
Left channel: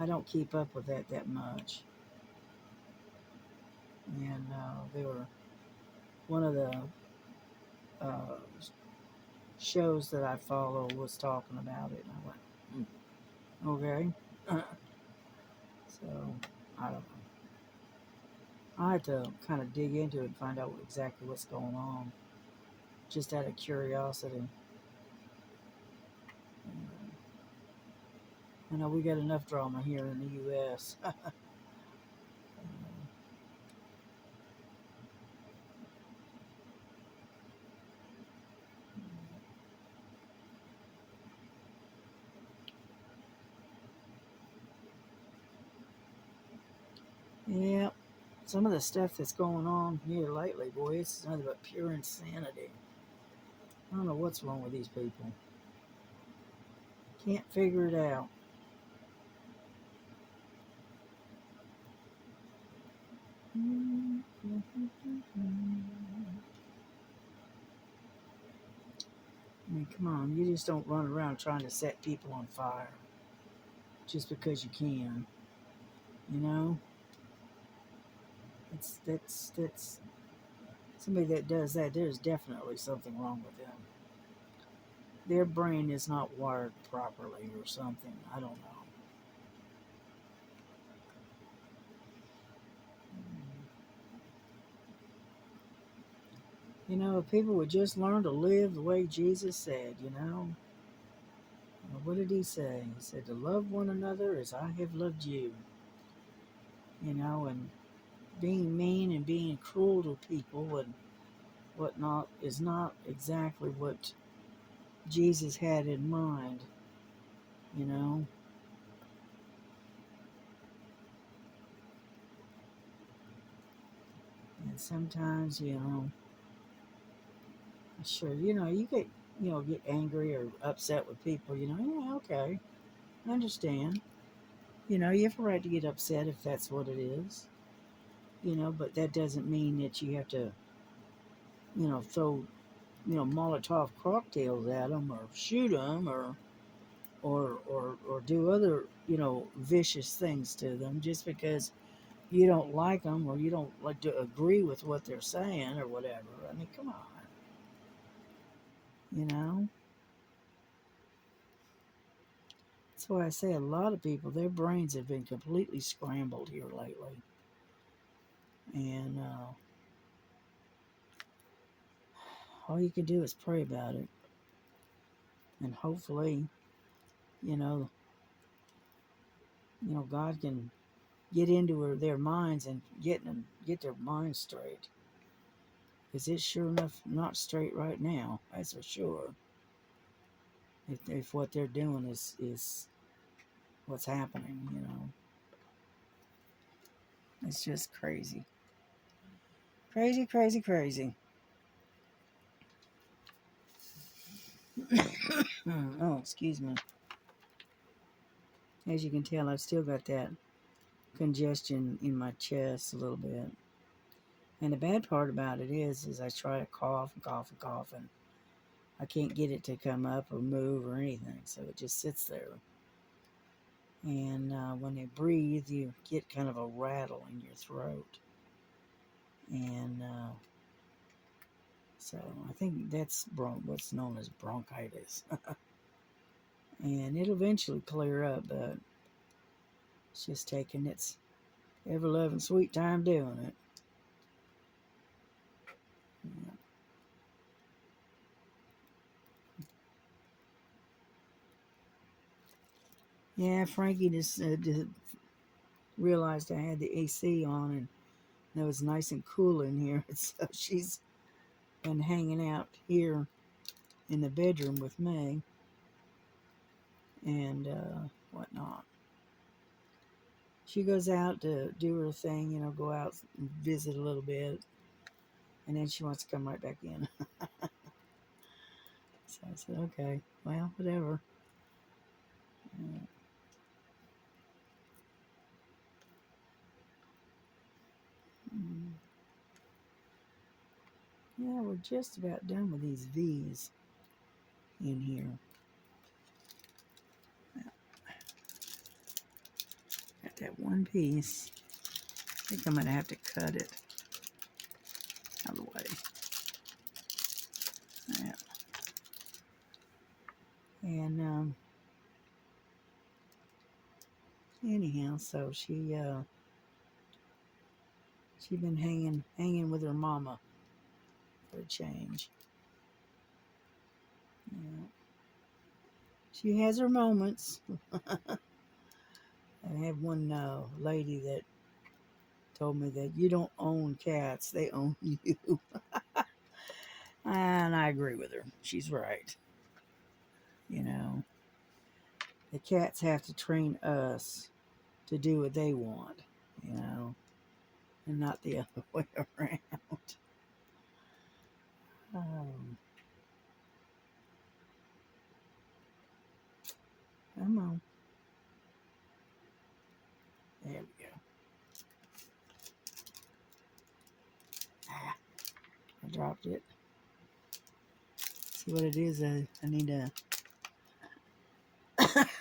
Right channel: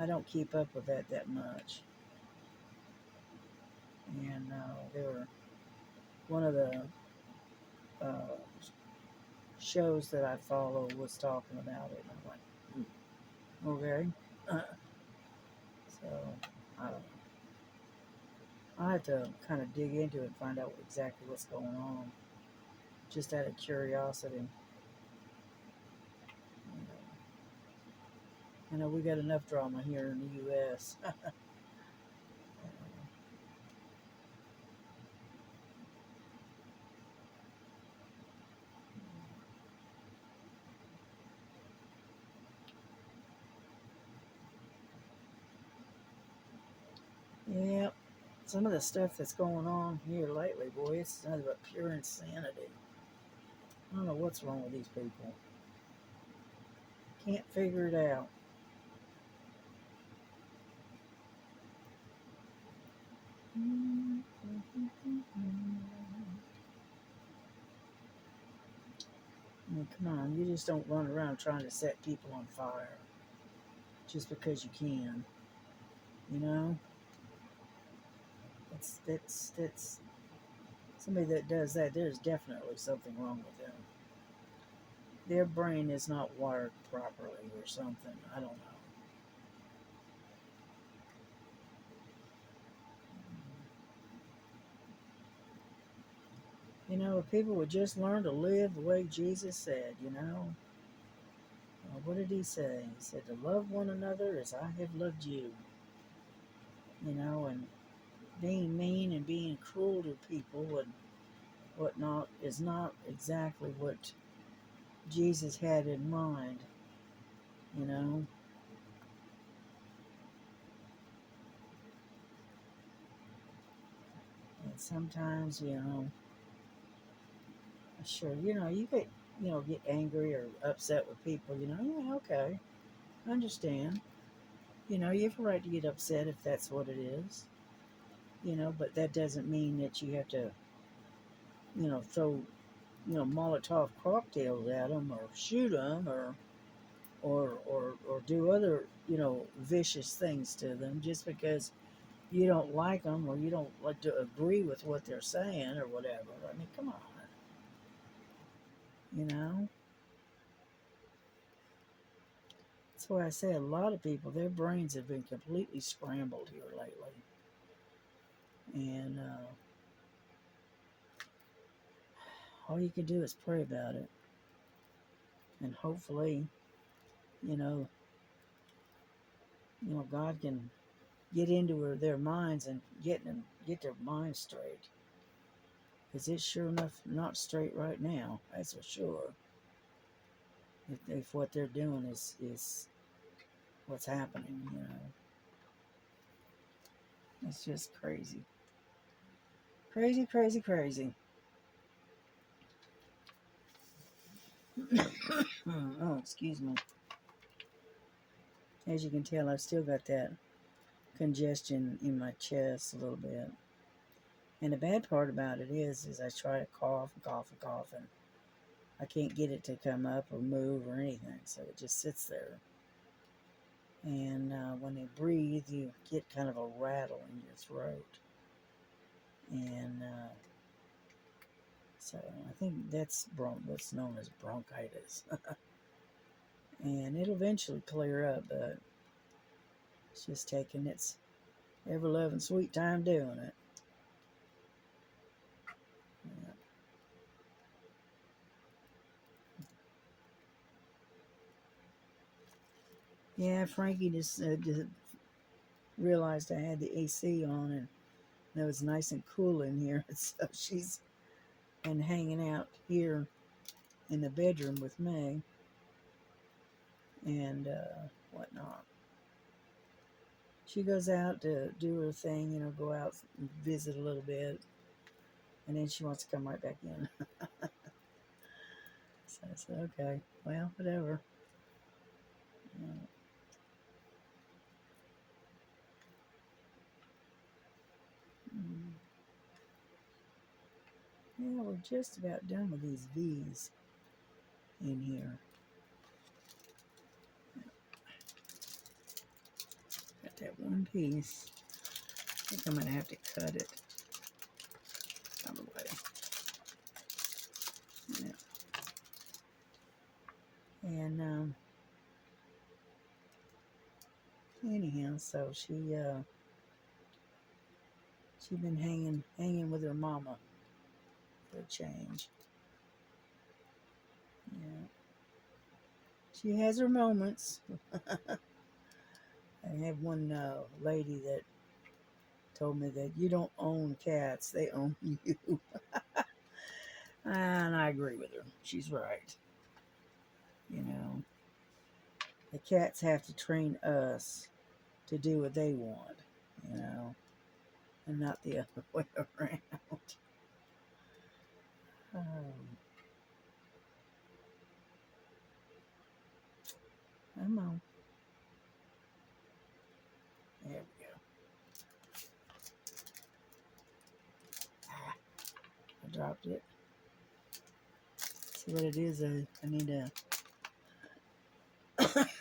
I don't keep up with that much. And they were one of the uh, shows that I follow was talking about it. And I went, okay. So I don't know. I have to kind of dig into it and find out exactly what's going on, just out of curiosity. You know, we got enough drama here in the U.S. Yeah, some of the stuff that's going on here lately, boy, it's nothing but pure insanity. I don't know what's wrong with these people. Can't figure it out. I mean, come on, you just don't run around trying to set people on fire just because you can. You know, that's somebody that does that. There's definitely something wrong with them. Their brain is not wired properly or something. I don't know. You know, if people would just learn to live the way Jesus said, you know, what did he say? He said to love one another as I have loved you. You know, and being mean and being cruel to people and whatnot is not exactly what Jesus had in mind, you know. And sometimes, you know, sure, you know, you get angry or upset with people, you know, yeah, okay, I understand. You know, you have a right to get upset if that's what it is, you know, but that doesn't mean that you have to, throw, Molotov cocktails at them or shoot them or do other, vicious things to them just because you don't like them or you don't like to agree with what they're saying or whatever. I mean, come on, you know. That's why I say a lot of people, their brains have been completely scrambled here lately, and all you can do is pray about it, and hopefully, you know, God can get into their minds and get their minds straight, because it's sure enough not straight right now. That's for sure. If what they're doing is what's happening, it's just crazy, crazy, crazy, crazy. Oh, excuse me. As you can tell, I've still got that congestion in my chest a little bit. And the bad part about it is I try to cough and cough and cough, and I can't get it to come up or move or anything. So it just sits there. And when you breathe, you get kind of a rattle in your throat. And so I think that's what's known as bronchitis. And it'll eventually clear up, but it's just taking its ever loving sweet time doing it. Yeah. Yeah, Frankie just realized I had the AC on and it was nice and cool in here. So she's been hanging out here in the bedroom with me and whatnot. She goes out to do her thing, go out and visit a little bit, and then she wants to come right back in. So I said, okay, well, whatever. Yeah. Mm. Yeah, we're just about done with these V's in here. Got that one piece. I think I'm going to have to cut it out of the way. Yeah. And anyhow, so she been hanging with her mama for a change. Yeah. She has her moments. I had one lady that told me that you don't own cats, they own you. And I agree with her. She's right. You know, the cats have to train us to do what they want, you know, and not the other way around. Um, Come on. There we go. Ah, I dropped it. See what it is? I need to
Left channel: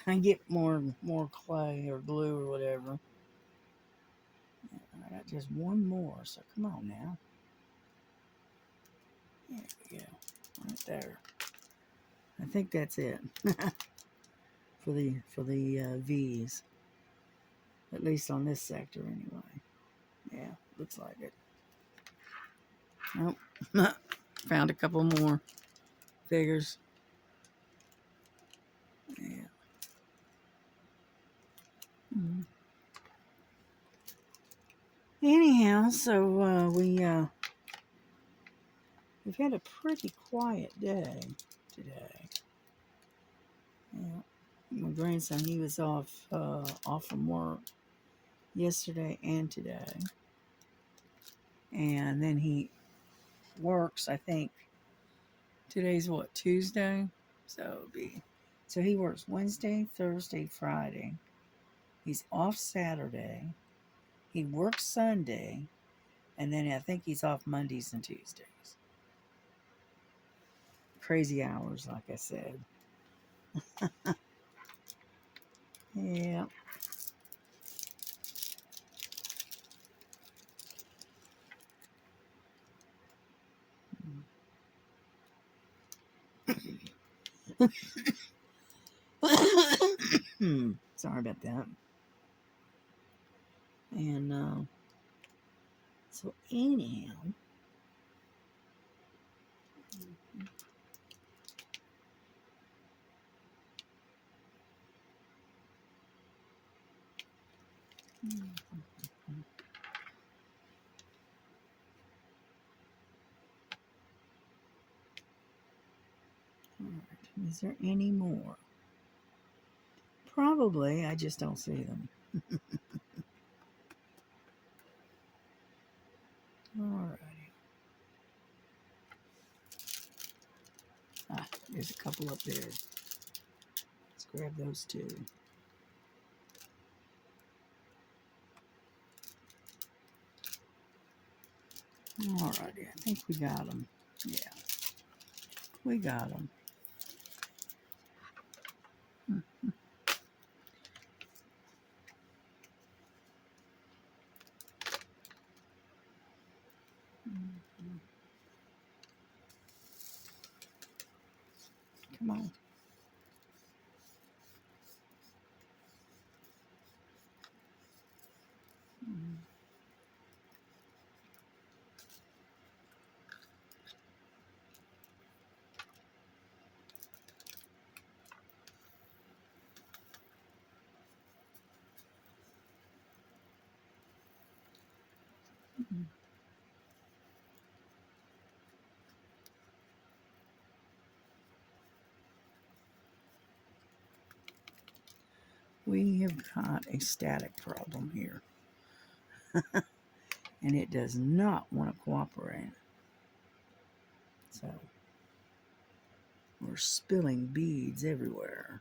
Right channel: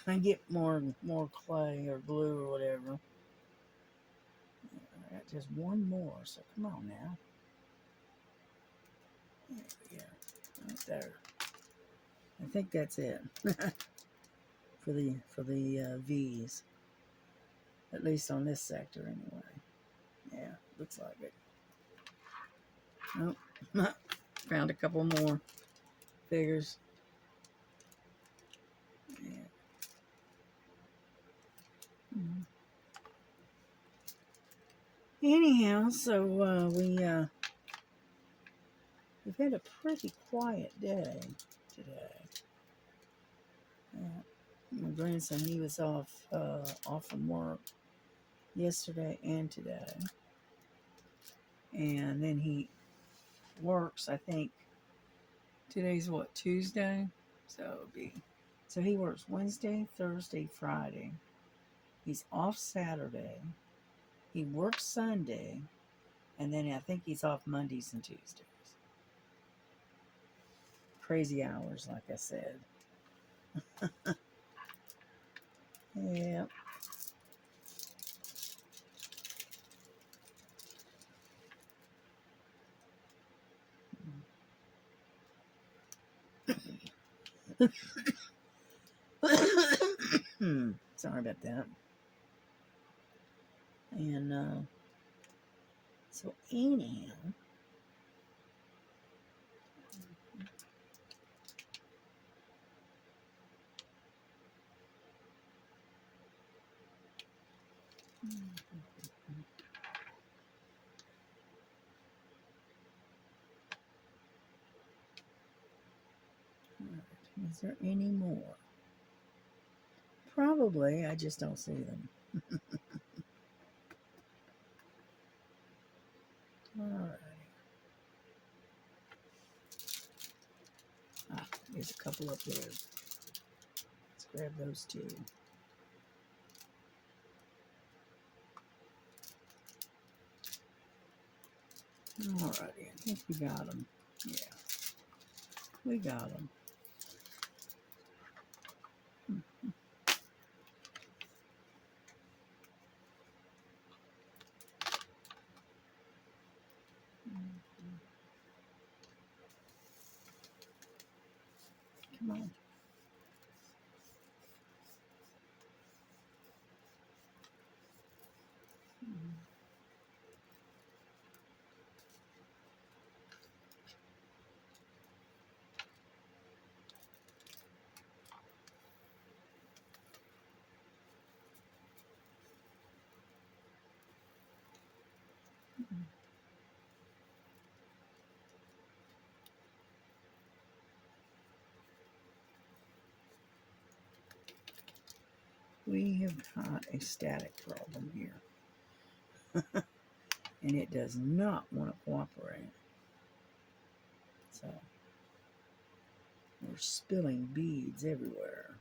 I get more clay or glue or whatever. I got just one more, so come on now. There we go. Right there. I think that's it for the V's, at least on this sector anyway. Yeah, looks like it. Nope. Found a couple more figures. Yeah. Mm. Anyhow, so we've had a pretty quiet day today. Yeah. My grandson, he was off from work yesterday and today, and then he works. I think today's what, Tuesday, so he works Wednesday, Thursday, Friday. He's off Saturday. He works Sunday, and then I think he's off Mondays and Tuesdays. Crazy hours, like I said. Yeah. Sorry about that. And so anyhow, all right, is there any more? Probably, I just don't see them. All righty. Ah, there's a couple up there. Let's grab those two. All righty, I think we got them. Yeah, we got them. Come on. We have got a static problem here. And it does not want to cooperate. So we're spilling beads everywhere.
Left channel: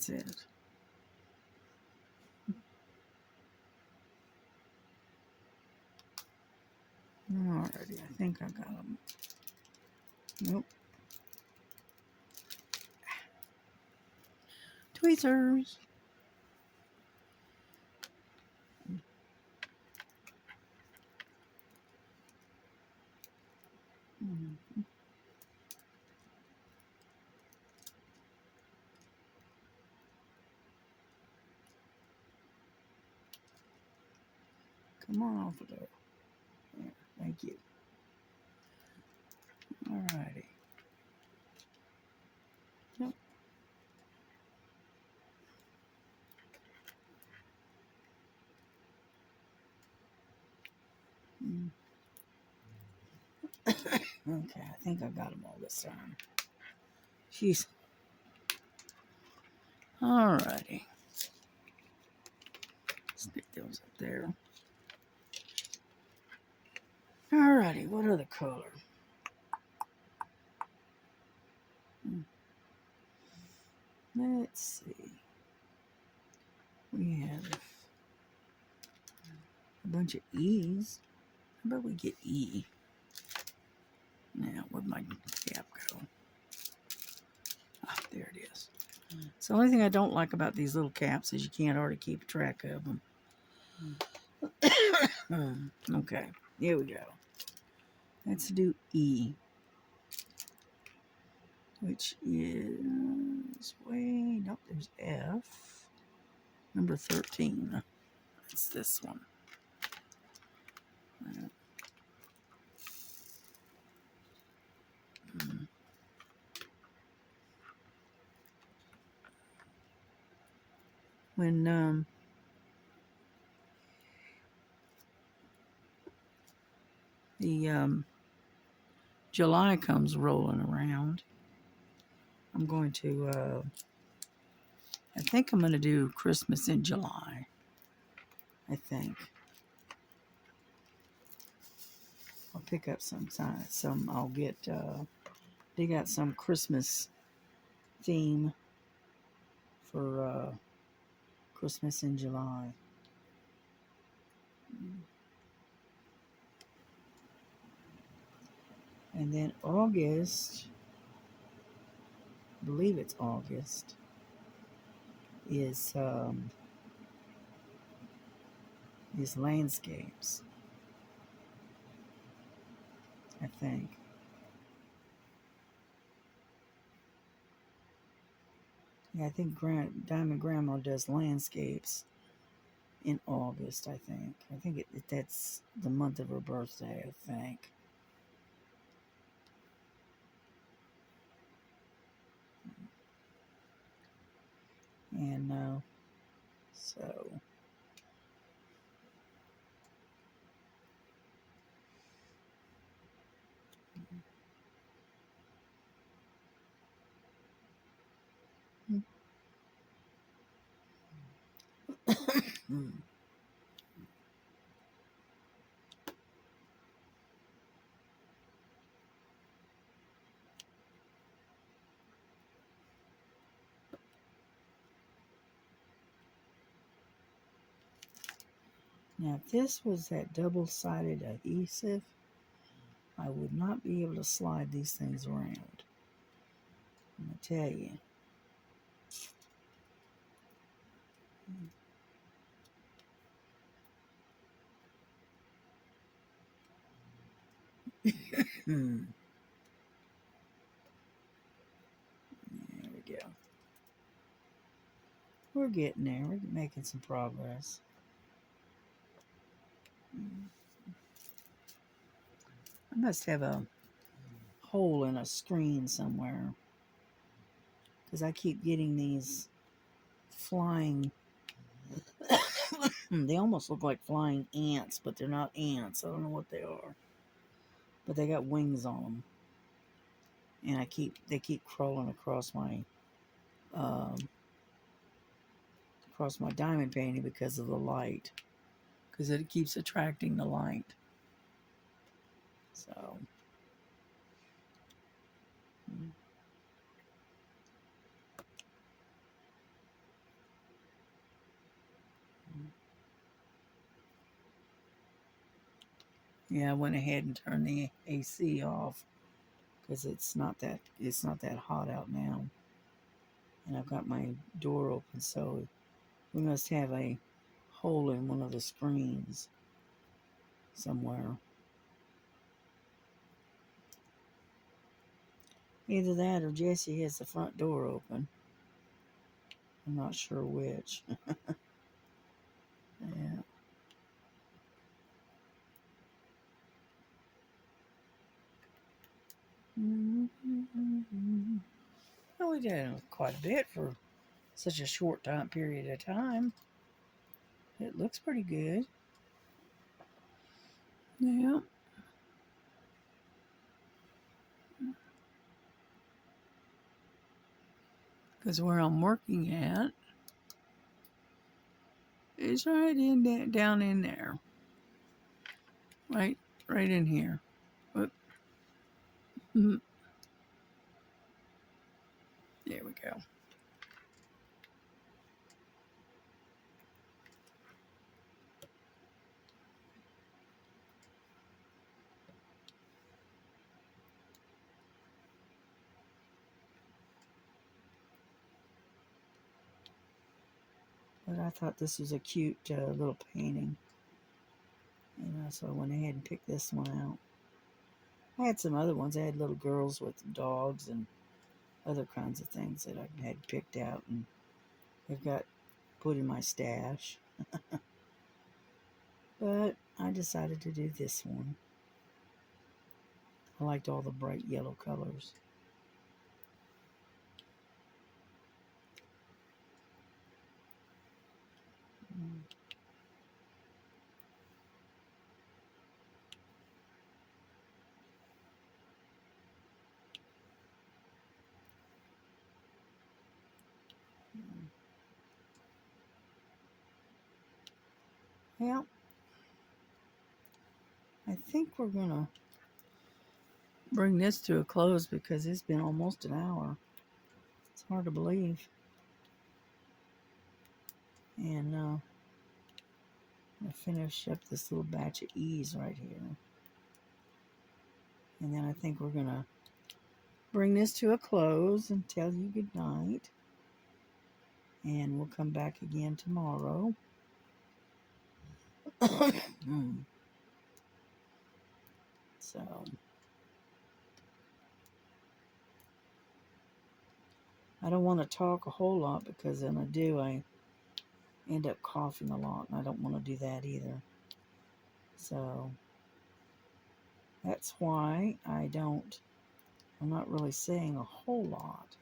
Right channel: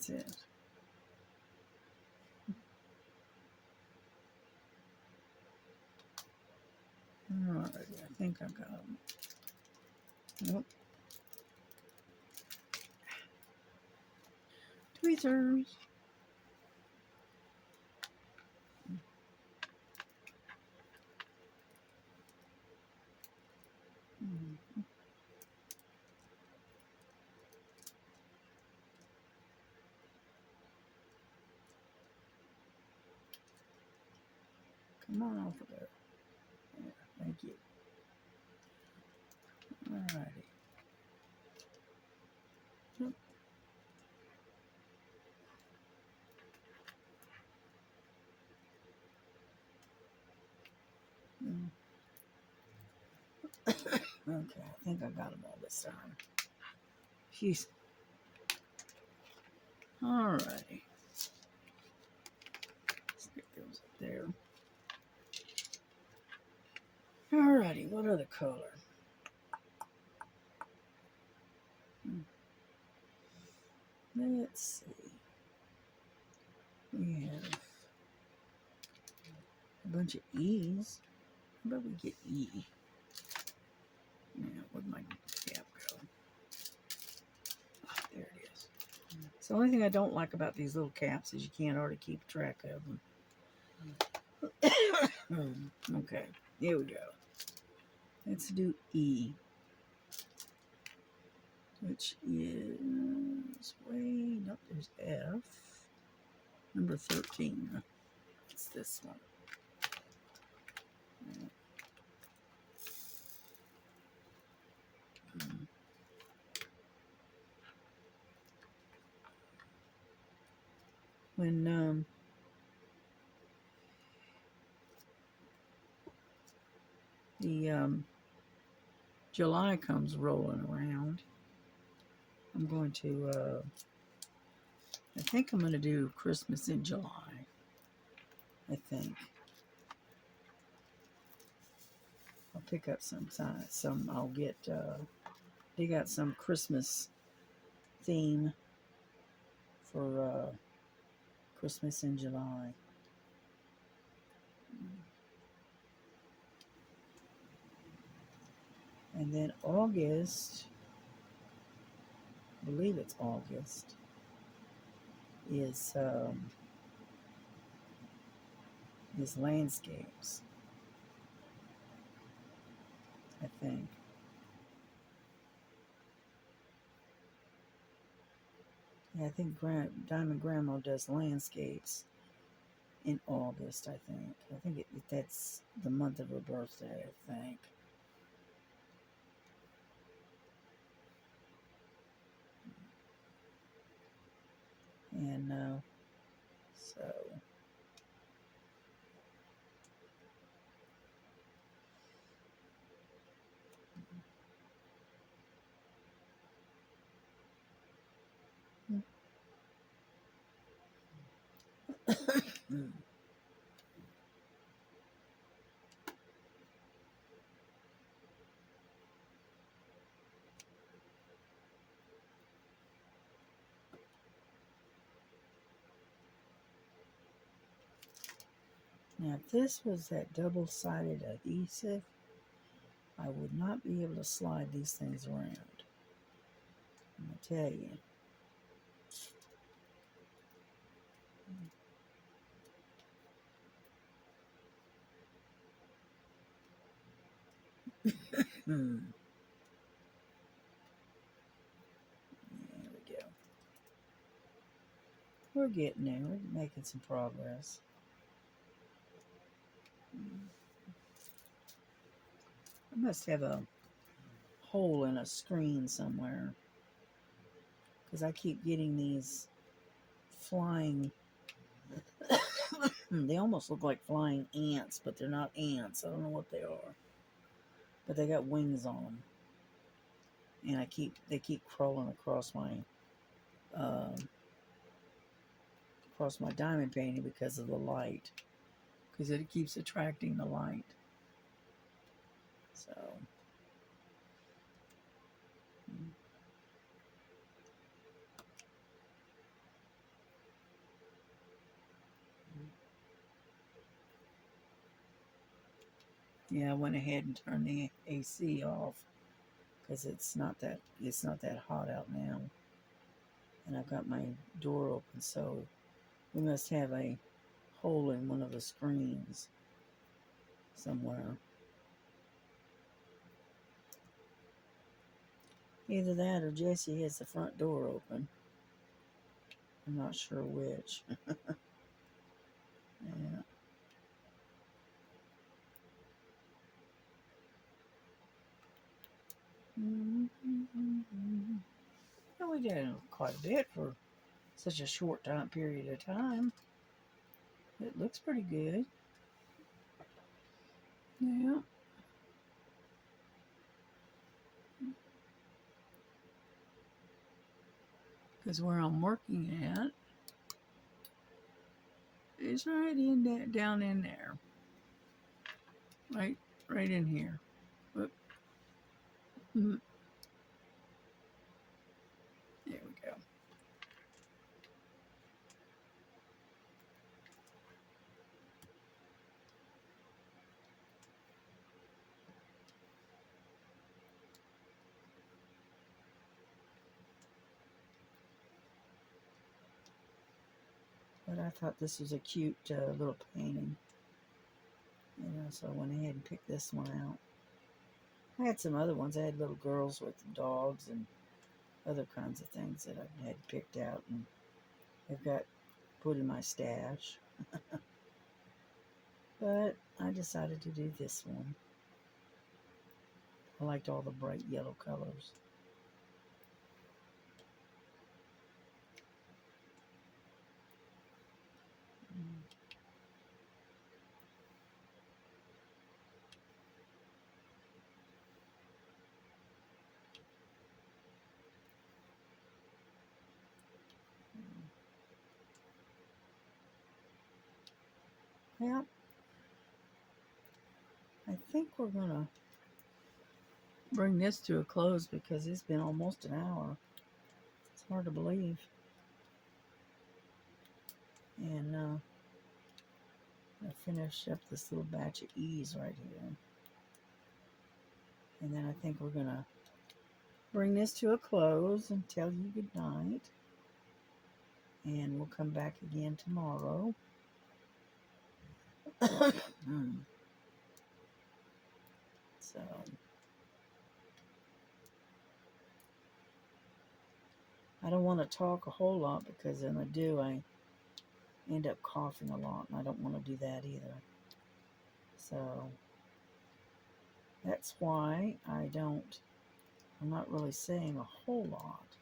That's it. Alrighty, I think I got them. Nope. Tweezers. Come on over there. Yeah, thank you. Alrighty. Yep. Okay, I think I got them all this time. Jeez. Alrighty. Stick those up there. Alrighty, what other color? Let's see. We have a bunch of E's. How about we get E? Now, where'd my cap go? Ah, there it is. So the only thing I don't like about these little caps is you can't hardly keep track of them. Okay, here we go. Let's do E, which is way, nope, there's F, number 13. It's this one. When the July comes rolling around, I'm going to, I think I'm going to do Christmas in July. I think. I'll pick up I'll get, dig out some Christmas theme for Christmas in July. And then August, I believe it's August, is landscapes, I think. Yeah, I think Diamond Grandma does landscapes in August, I think. I think that's the month of her birthday, I think. And so now, if this was that double-sided adhesive, I would not be able to slide these things around. I'm going to tell you. There we go. We're getting there. We're making some progress. I must have a hole in a screen somewhere, because I keep getting these flying. They almost look like flying ants, but they're not ants. I don't know what they are, but they got wings on them, and they keep crawling across my diamond painting because of the light, because it keeps attracting the light. So. Yeah, I went ahead and turned the AC off because it's not that hot out now, and I've got my door open, so we must have a hole in one of the screens somewhere. Either that or Jesse has the front door open. I'm not sure which. Yeah. Well, we did quite a bit for such a short time period of time. It looks pretty good. Yeah. Because where I'm working at is right in that, down in there. Right, right in here. Whoop. Mhm. There we go. But I thought this was a cute little painting. So I went ahead and picked this one out. I had some other ones. I had little girls with dogs and other kinds of things that I had picked out and I've got put in my stash. But I decided to do this one. I liked all the bright yellow colors. Mm. Yeah, I think we're gonna bring this to a close because it's been almost an hour. It's hard to believe. And I finish up this little batch of E's right here. And then I think we're gonna bring this to a close and tell you good night. And we'll come back again tomorrow. So I don't want to talk a whole lot because when I do, I end up coughing a lot, and I don't want to do that either. So that's why I'm not really saying a whole lot.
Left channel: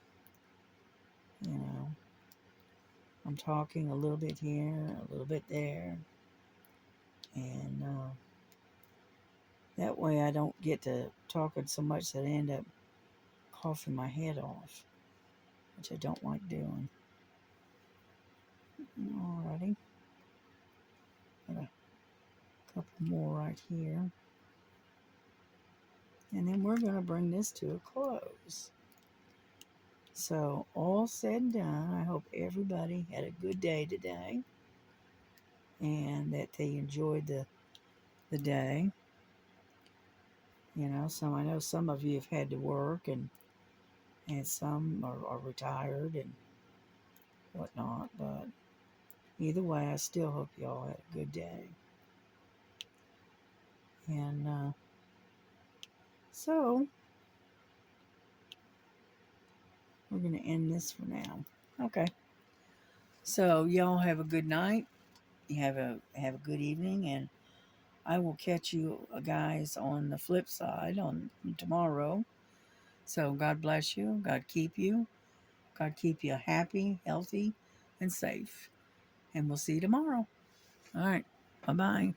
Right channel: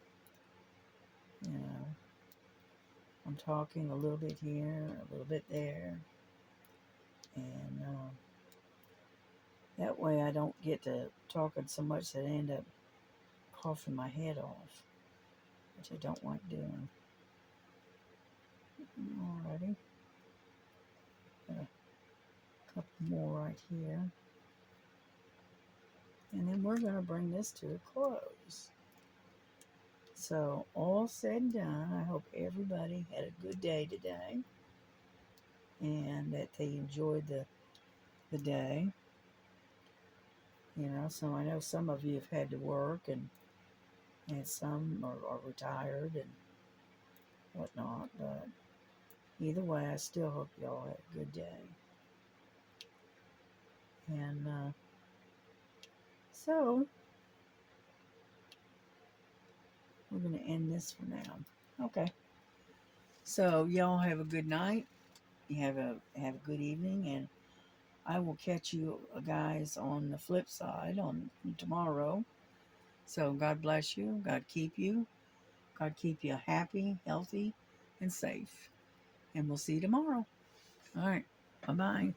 I'm talking a little bit here, a little bit there, and that way I don't get to talking so much that I end up coughing my head off, which I don't like doing. Alrighty, got a couple more right here, and then we're going to bring this to a close. So all said and done, I hope everybody had a good day today and that they enjoyed the day. I know some of you have had to work and some are retired and whatnot, but either way, I still hope y'all had a good day. And so we're going to end this for now. Okay. So y'all have a good night. You have a good evening, and I will catch you guys on the flip side on tomorrow. So God bless you. God keep you. God keep you happy, healthy, and safe. And we'll see you tomorrow. All right. Bye-bye.